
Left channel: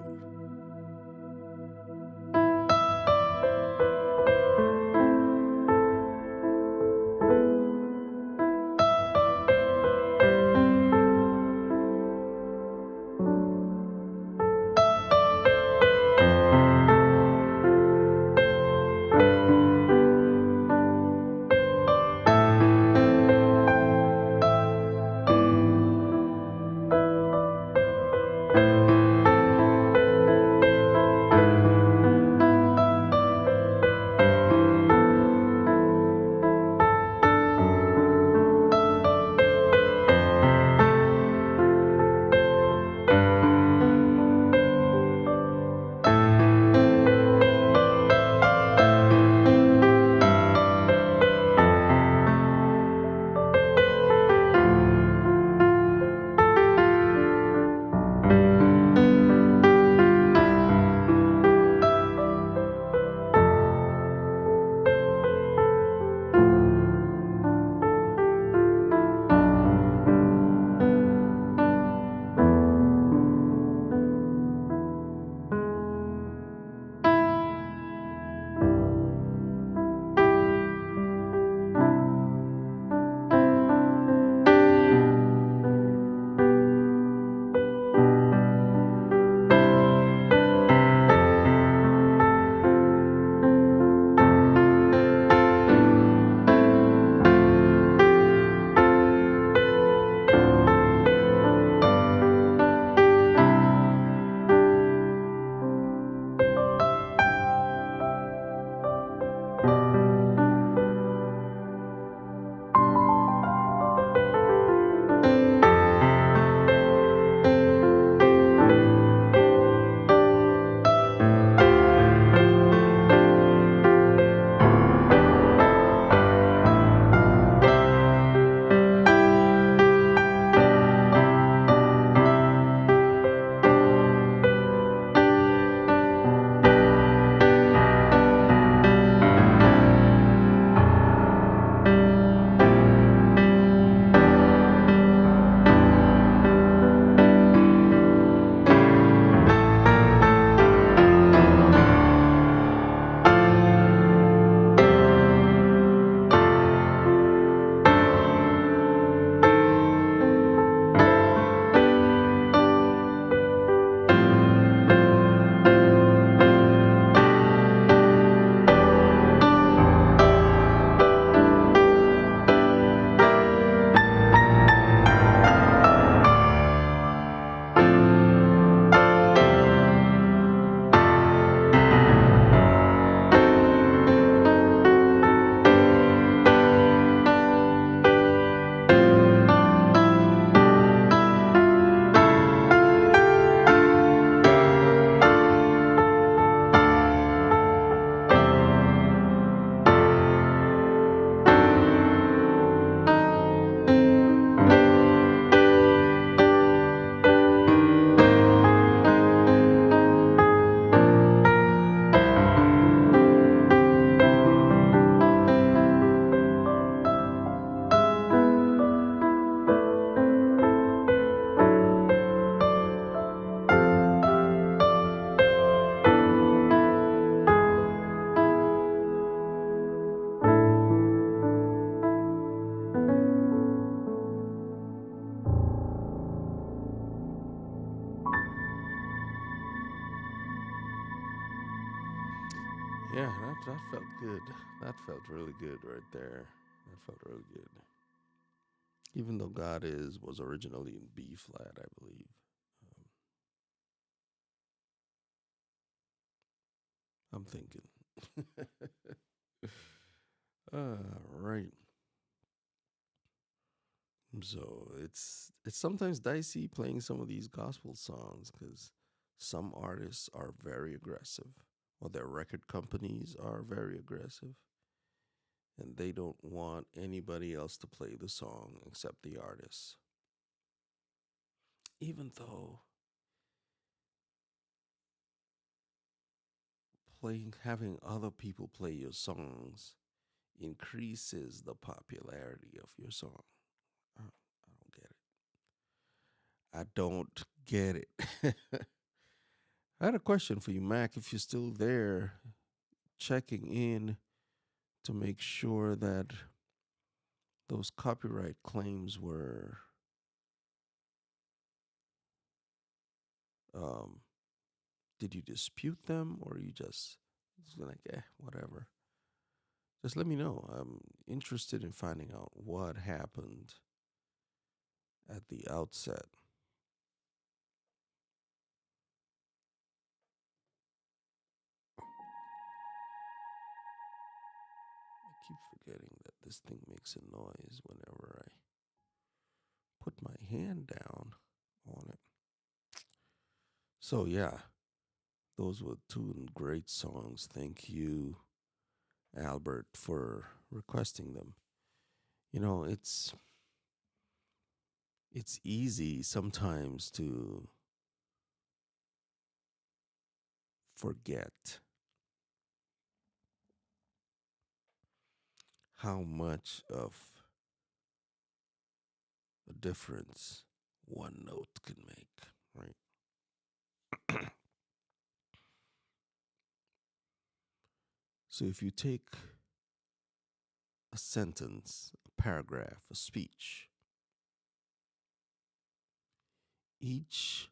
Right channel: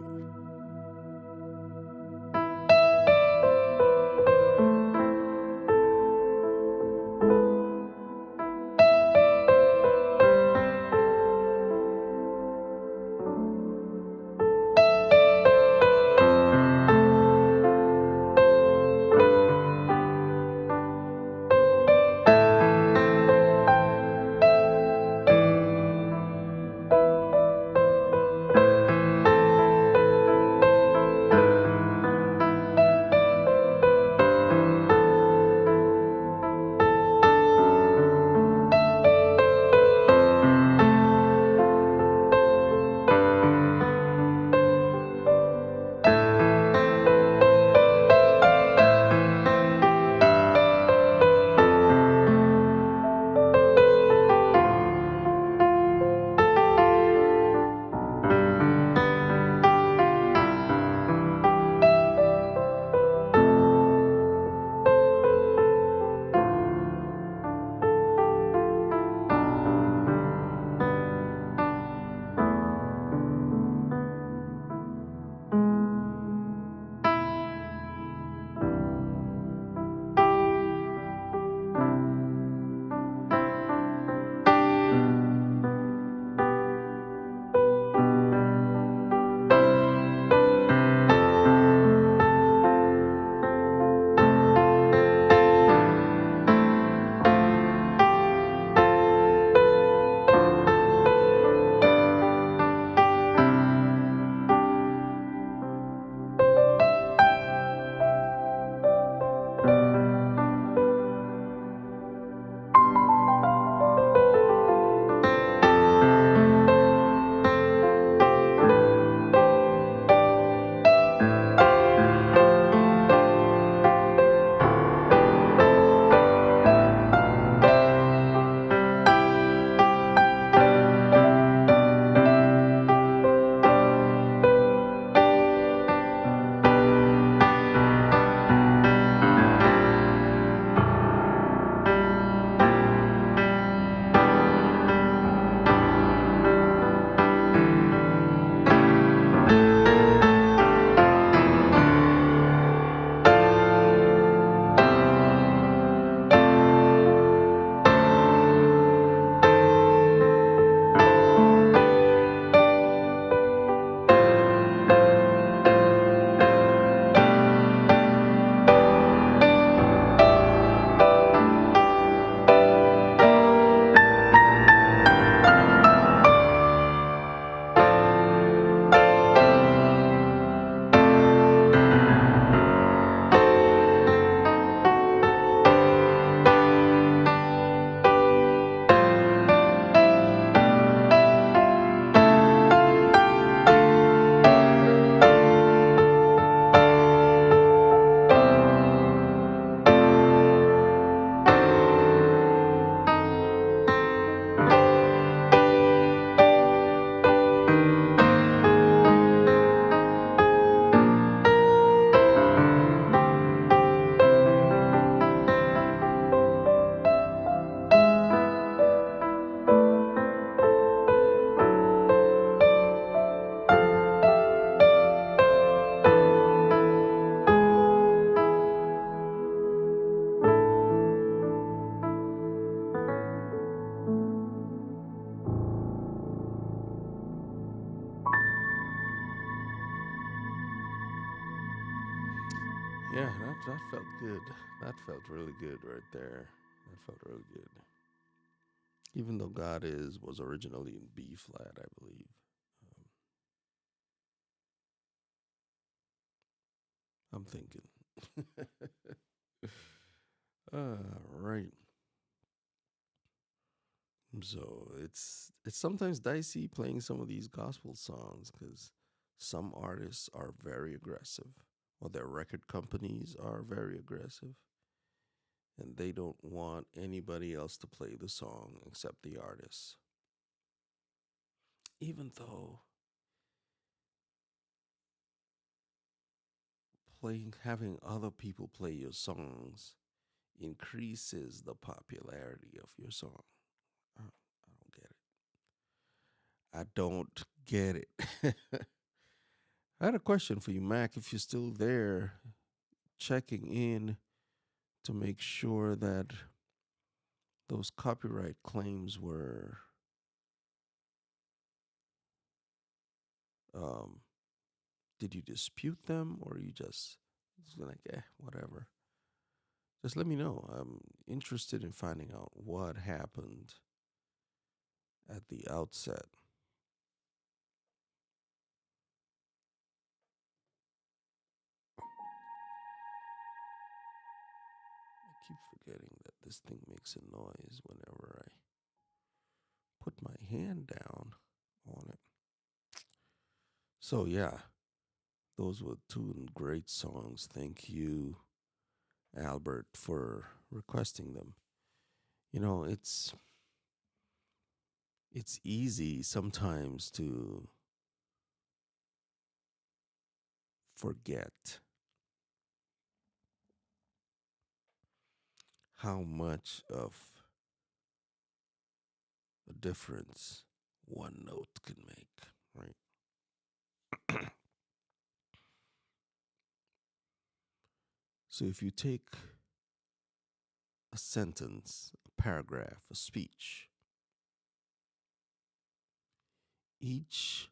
Yeah, that felt good. That felt really good right there. That felt really good. Even though God is was originally in B flat, I believe. I'm thinking. Right. So it's sometimes dicey playing some of these gospel songs because some artists are very aggressive, or their record companies are very aggressive, and they don't want anybody else to play the song except the artist. Even though playing having other people play your songs increases the popularity of your song. I don't get it. I don't get it. I had a question for you, Mac. If you're still there, checking in to make sure that those copyright claims were, um, did you dispute them or you just like, whatever. Just let me know. I'm interested in finding out what happened at the outset. I keep forgetting that this thing makes a noise whenever I put my hand down on it. So, yeah, those were two great songs. Thank you, Albert, for requesting them. You know, it's easy sometimes to forget how much of a difference one note can make, right? So if you take a sentence, a paragraph, a speech, each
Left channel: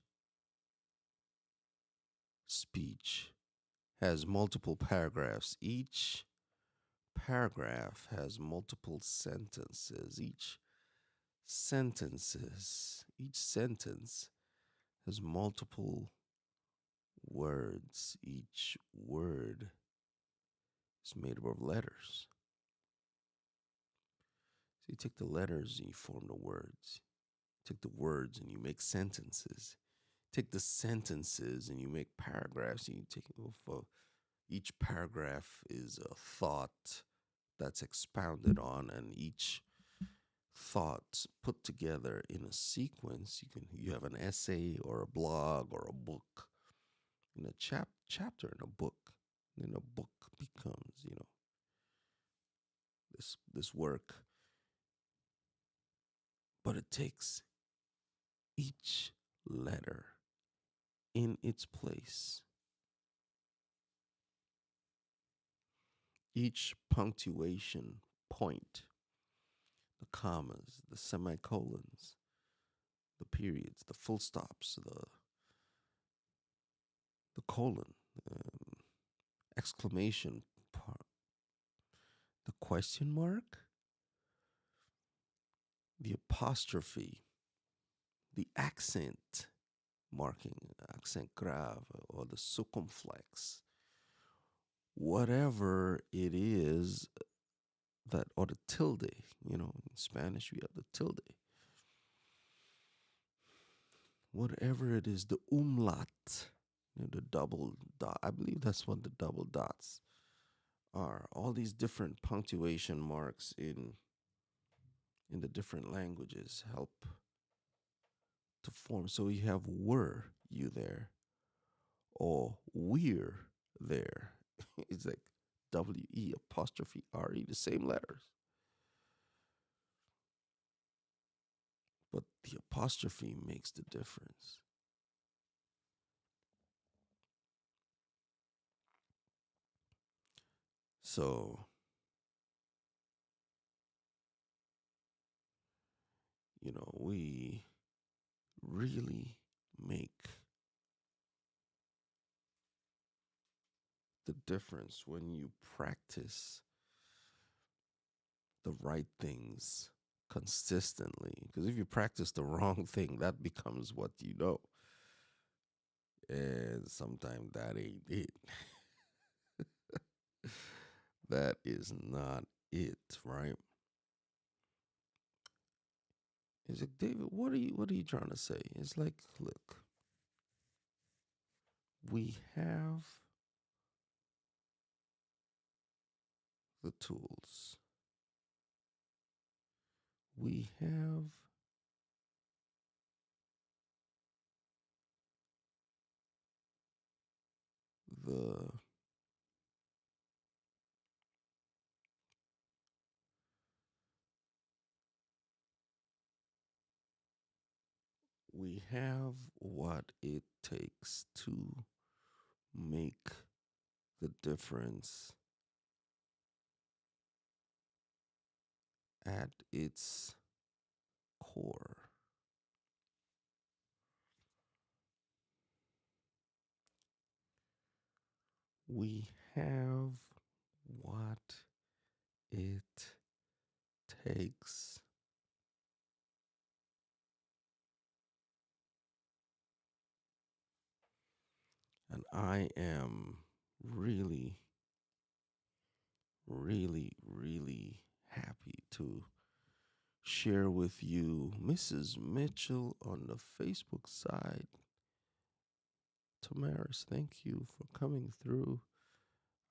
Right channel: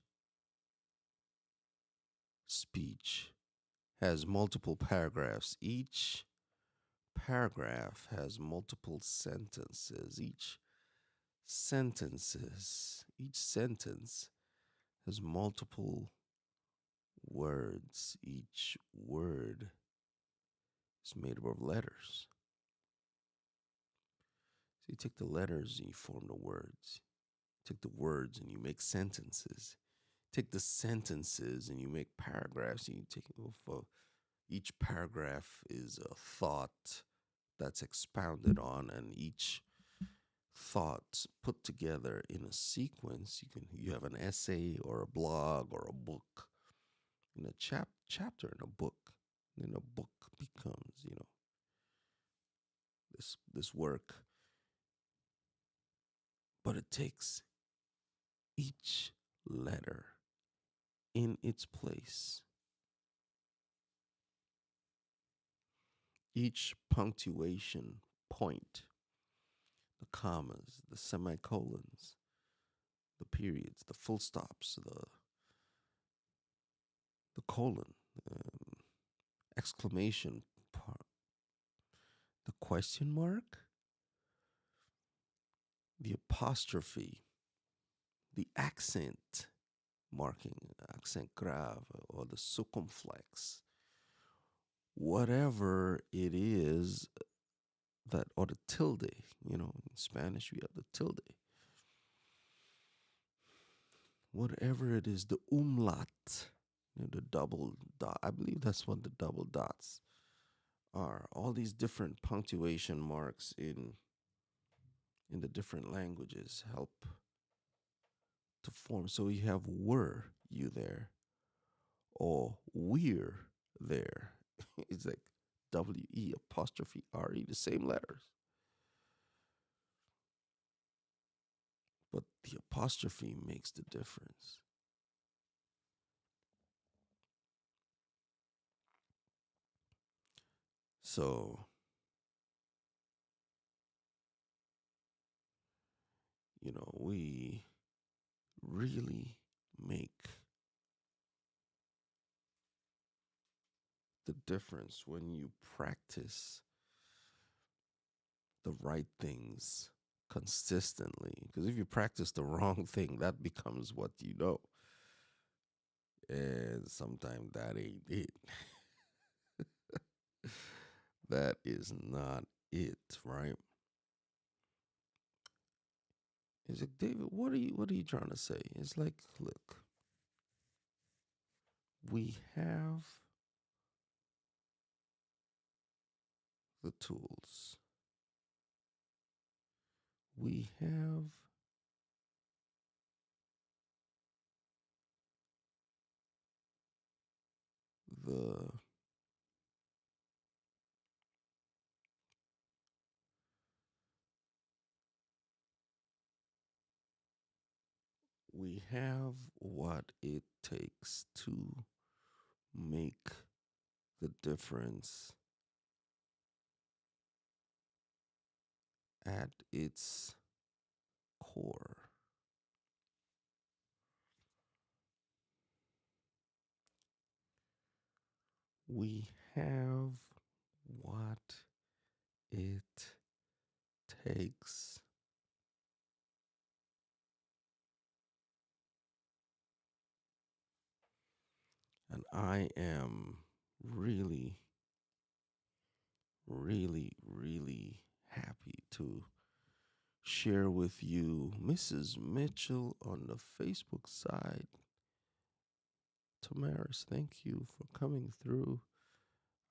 speech has multiple paragraphs. Each paragraph has multiple sentences. Each sentence has multiple words. Each word is made up of letters. So you take the letters and you form the words. Take the words and you make sentences. Take the sentences and you make paragraphs. And you take each paragraph is a thought that's expounded on, and each thought put together in a sequence. You have an essay or a blog or a book, in a chapter in a book. Then a book becomes, this work. But it takes each letter in its place, each punctuation point, the commas, the semicolons, the periods, the full stops, the colon, um, exclamation part, the question mark, the apostrophe, the accent marking, accent grave, or the circumflex, whatever it is that, or the tilde, in Spanish we have the tilde. Whatever it is, the umlaut, the double dot, I believe that's what the double dots are. All these different punctuation marks in the different languages help to form. So you have were you there, or we're there. It's like W-E apostrophe R-E, the same letters. But the apostrophe makes the difference. So, we really make the difference when you practice the right things consistently. Because if you practice the wrong thing, that becomes what you know. And sometimes that ain't it. That is not it, right? It's like, David, what are you trying to say? It's like, look, we have the tools. We have the we have what it takes to make the difference at its core. We have what it takes and I am really, really, really happy to share with you Mrs. Mitchell on the Facebook side. Tamaris, thank you for coming through.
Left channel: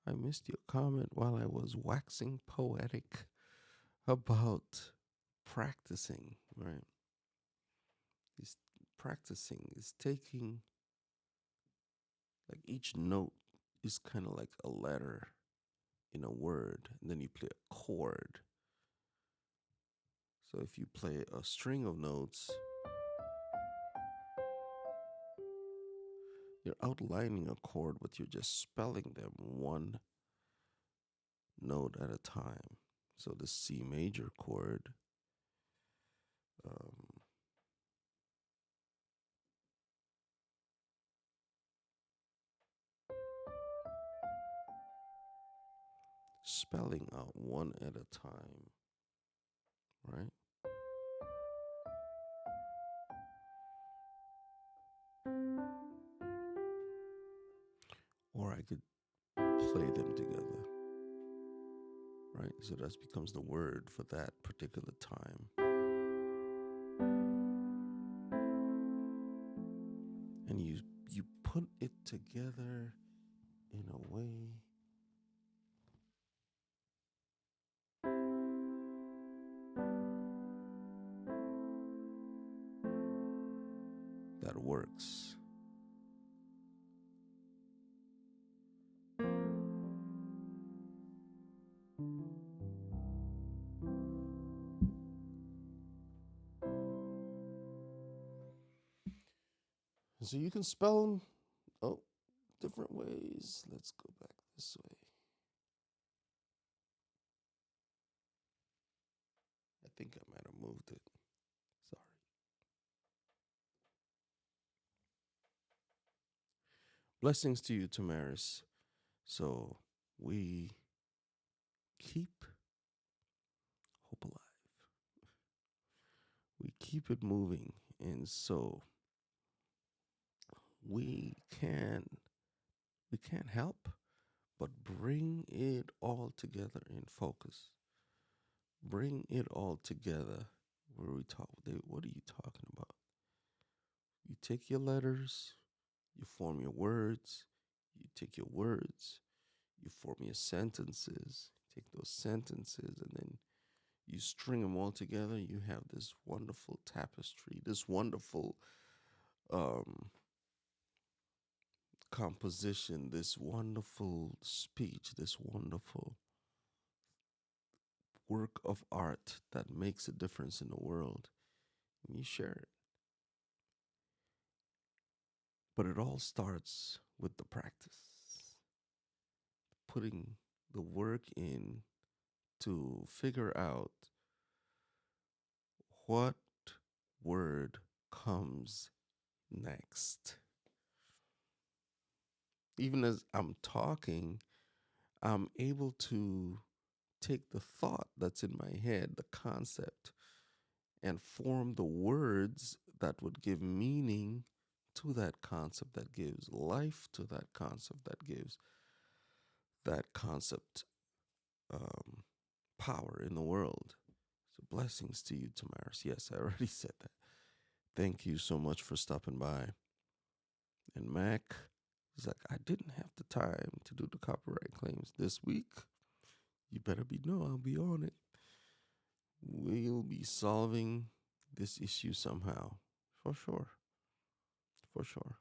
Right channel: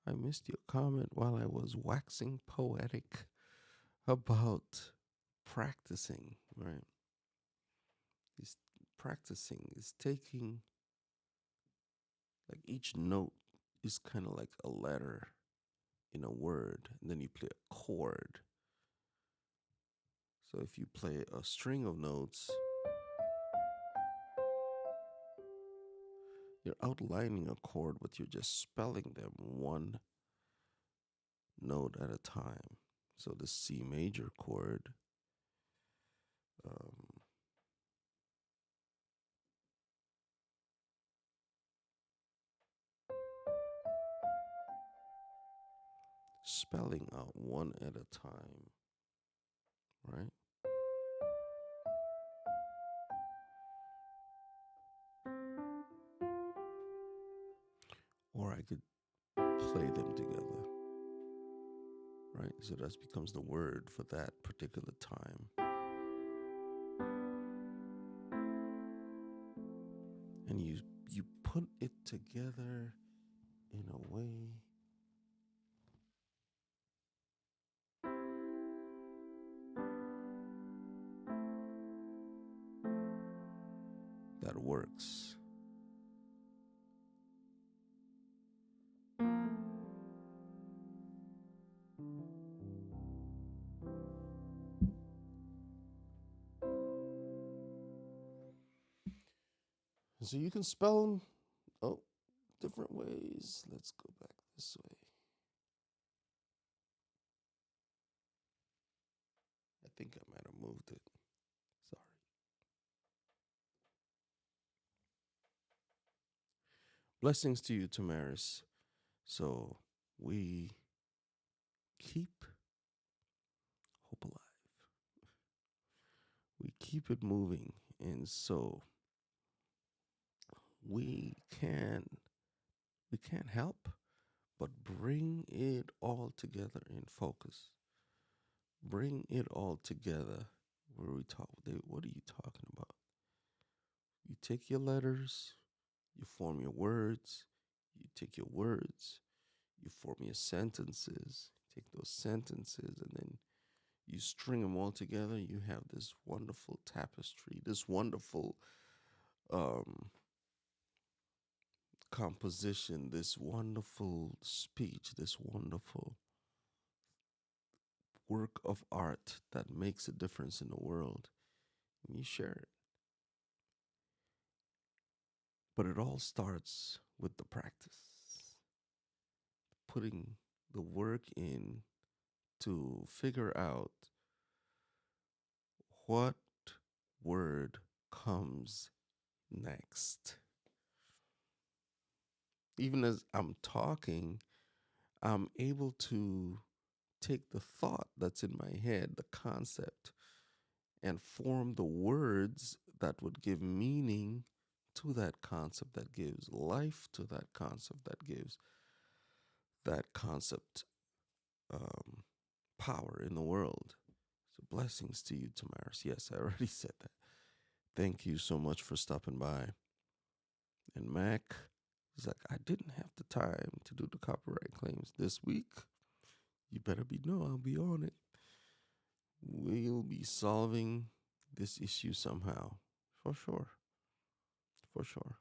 I missed your comment while I was waxing poetic about practicing, right? Is practicing is taking, like, each note is kind of like a letter in a word, and then you play a chord. So if you play a string of notes, you're outlining a chord, but you're just spelling them one note at a time. So the C major chord, um, spelling out one at a time, right? Or I could play them together. right? So that becomes the word for that particular time. And you put it together in a way that works. So you can spell them different ways. Let's go back this way. I think I might have moved it. Sorry. Blessings to you, Tamaris. So we keep hope alive. We keep it moving. And so we can't help but bring it all together in focus. Bring it all together. What are you talking about? You take your letters, you form your words, you take your words, you form your sentences, take those sentences, and then you string them all together. You have this wonderful tapestry, this wonderful composition, this wonderful speech, this wonderful work of art that makes a difference in the world. And you share it. But it all starts with the practice, putting the work in to figure out what word comes next. Even as I'm talking, I'm able to take the thought that's in my head, the concept, and form the words that would give meaning to that concept, that gives life to that concept, that gives that concept power in the world. So blessings to you, Tamaris. Yes, I already said that. Thank you so much for stopping by. And Mac is like, I didn't have the time to do the copyright claims this week. You better I'll be on it. We'll be solving this issue somehow. For sure. For sure.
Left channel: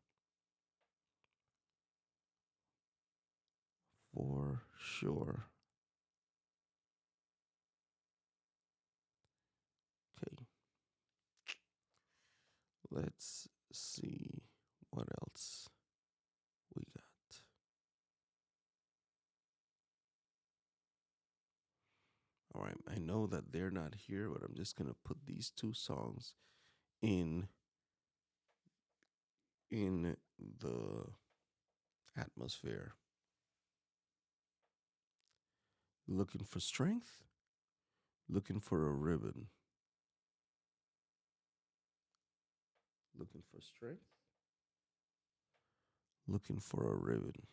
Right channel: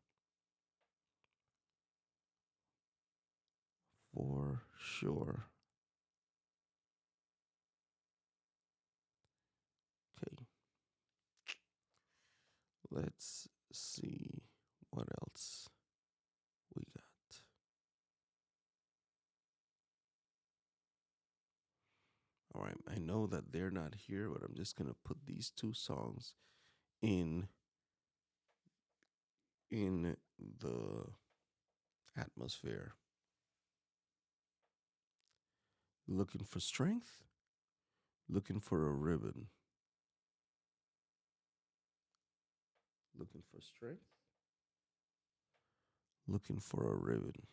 For sure. Okay. Let's see what else we got. All right. I know that they're not here, but I'm just going to put these two songs in the atmosphere. Looking for strength, looking for a ribbon. Looking for strength, looking for a ribbon.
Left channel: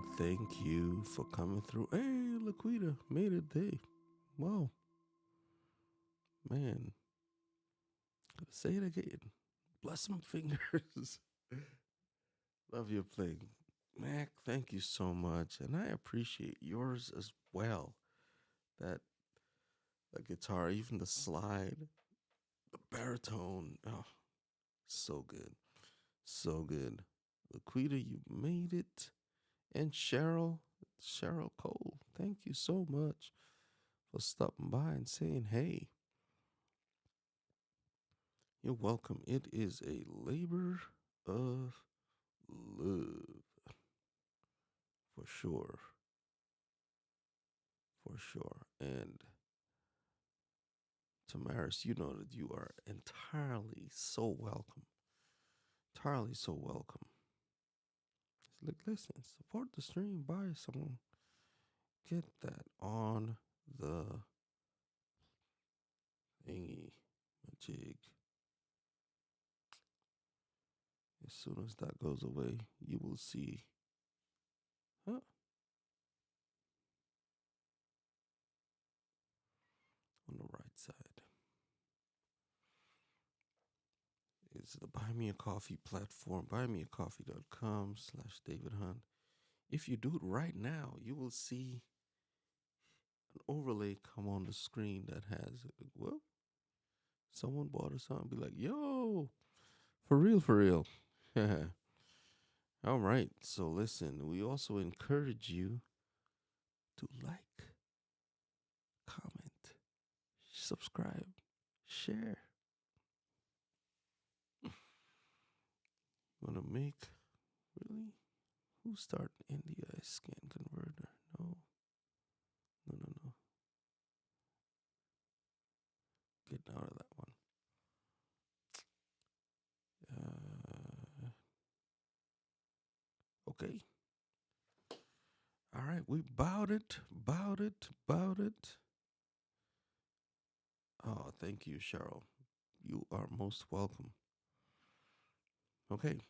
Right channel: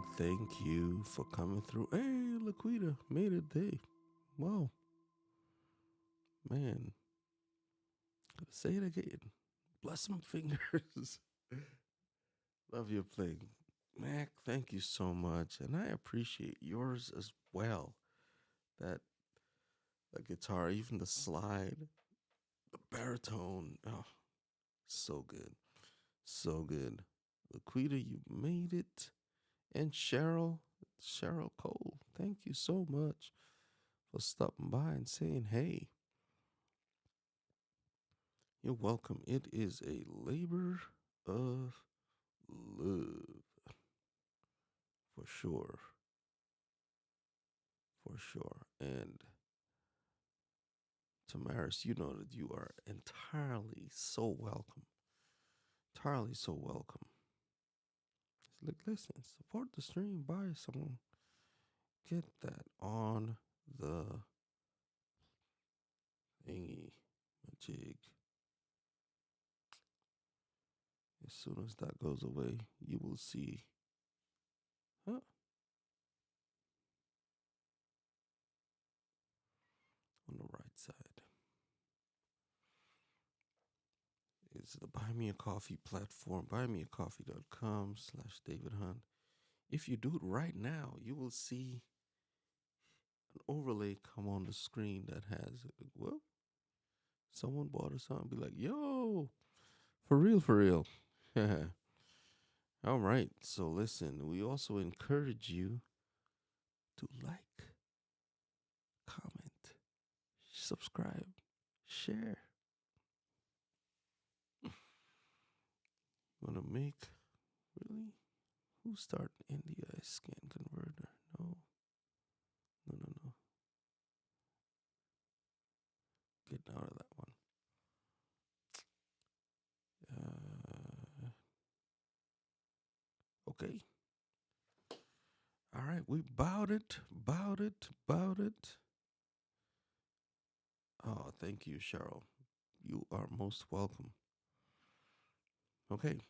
to thank you for coming through. Hey, Laquita, made it day. Wow, man. Gotta say it again. Bless some fingers. Love your playing. Mac, thank you so much. And I appreciate yours as well. That the guitar, even the slide, the baritone. Oh, so good. So good. Laquita, you made it. And Cheryl Cole, thank you so much for stopping by and saying hey. You're welcome. It is a labor of love. For sure. For sure. And Tamaris, you know that you are entirely so welcome. Entirely so welcome. It's like, listen, support the stream, buy someone. Get that on the thingy, jig. As soon as that goes away, you will see. Huh? On the right side is the Buy Me a Coffee platform, buymeacoffee.com/David Hunt. If you do it right now, you will see an overlay come on the screen that has, well, someone bought us something, be like, yo, for real, for real. All right. So listen, we also encourage you to like, comment, subscribe, share. You want to make, really? Who start NDI scan converter? No. No. Get out of that one. Okay. All right. We bowed it. Oh, thank you, Cheryl. You are most welcome. Okay.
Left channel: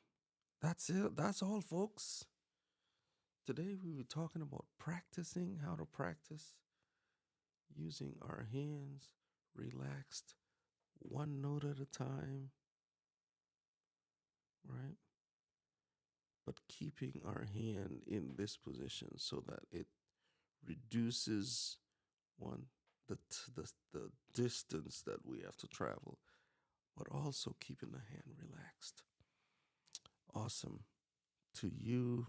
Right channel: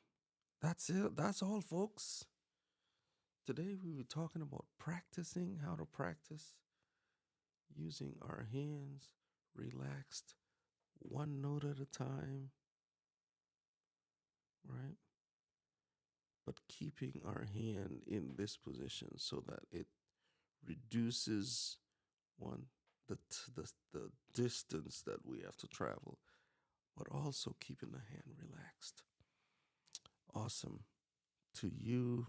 That's it. That's all, folks. Today we were talking about practicing, how to practice using our hands, relaxed, one note at a time, right? But keeping our hand in this position so that it reduces one the distance that we have to travel, but also keeping the hand relaxed. Awesome. To you,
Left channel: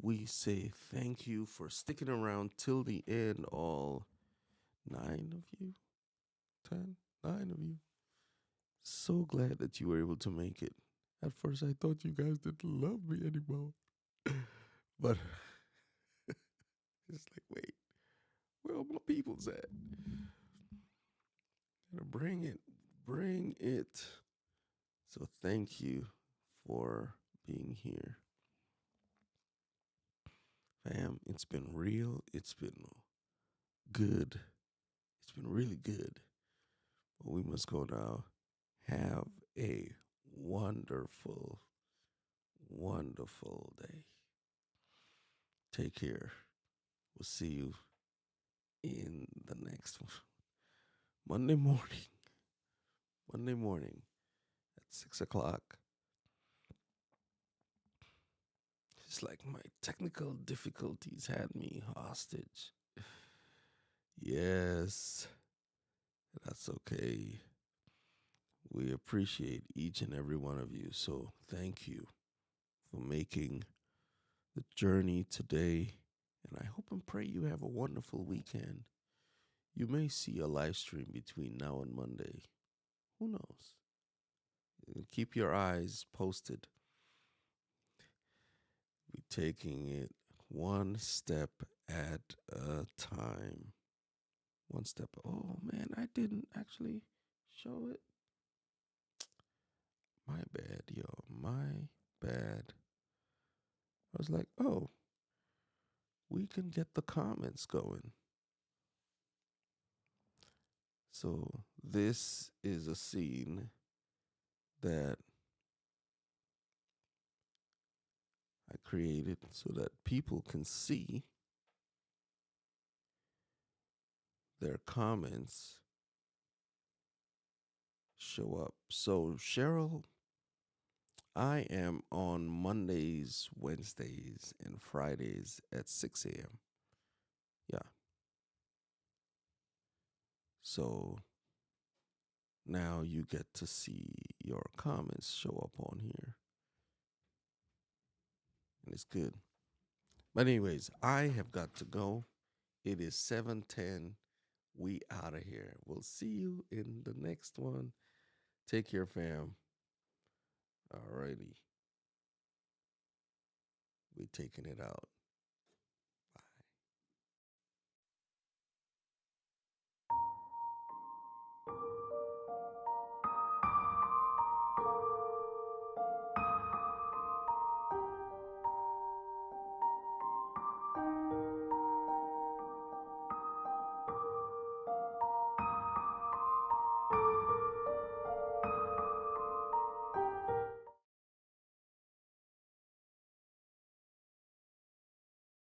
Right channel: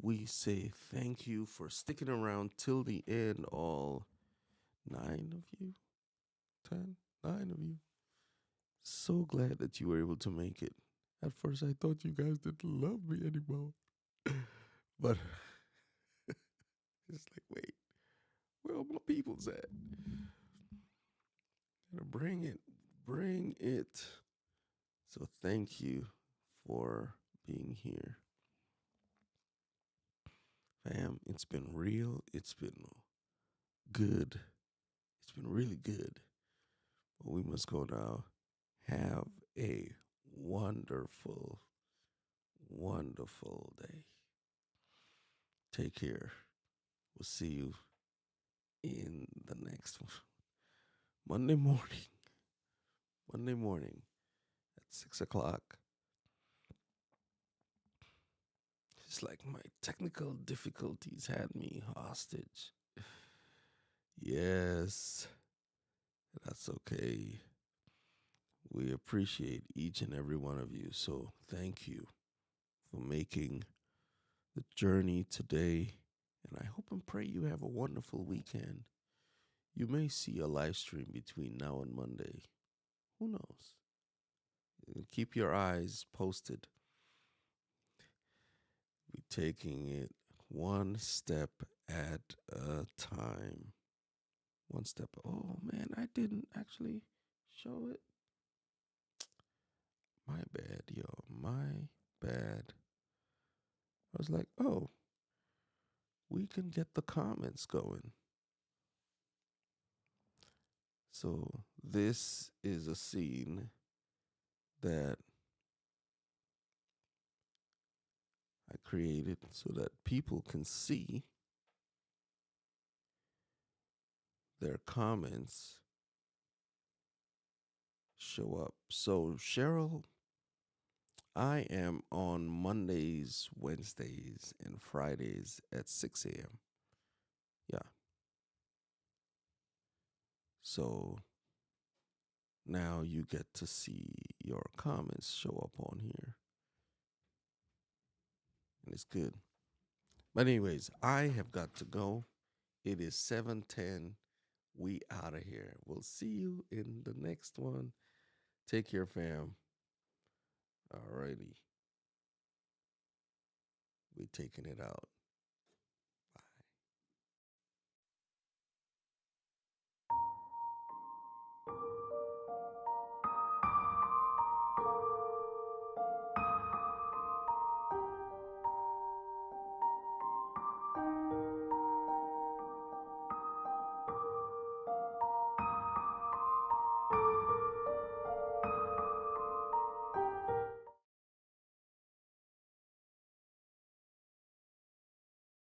we say thank you for sticking around till the end, all 9 of you, 10, 9 of you. So glad that you were able to make it. At first, I thought you guys didn't love me anymore. But it's like, wait, where are my people's at? Gotta bring it. So thank you for being here. Fam, it's been real. It's been good. It's been really good. But we must go now. Have a wonderful, wonderful day. Take care. We'll see you in the next one. Monday morning at 6 o'clock. It's like my technical difficulties had me hostage. Yes, that's okay. We appreciate each and every one of you. So thank you for making the journey today. And I hope and pray you have a wonderful weekend. You may see a live stream between now and Monday. Who knows? Keep your eyes posted. Be taking it one step at a time. One step. Oh man, I didn't actually show it. My bad, yo. My bad. I was like, oh, we can get the comments going. So this is a scene that I created so that people can see their comments show up. So, Cheryl, I am on Mondays, Wednesdays, and Fridays at 6 a.m. Yeah. So now you get to see your comments show up on here. And it's good. But anyways, I have got to go. It is 7:10. We out of here. We'll see you in the next one. Take care, fam. Alrighty. We taking it out.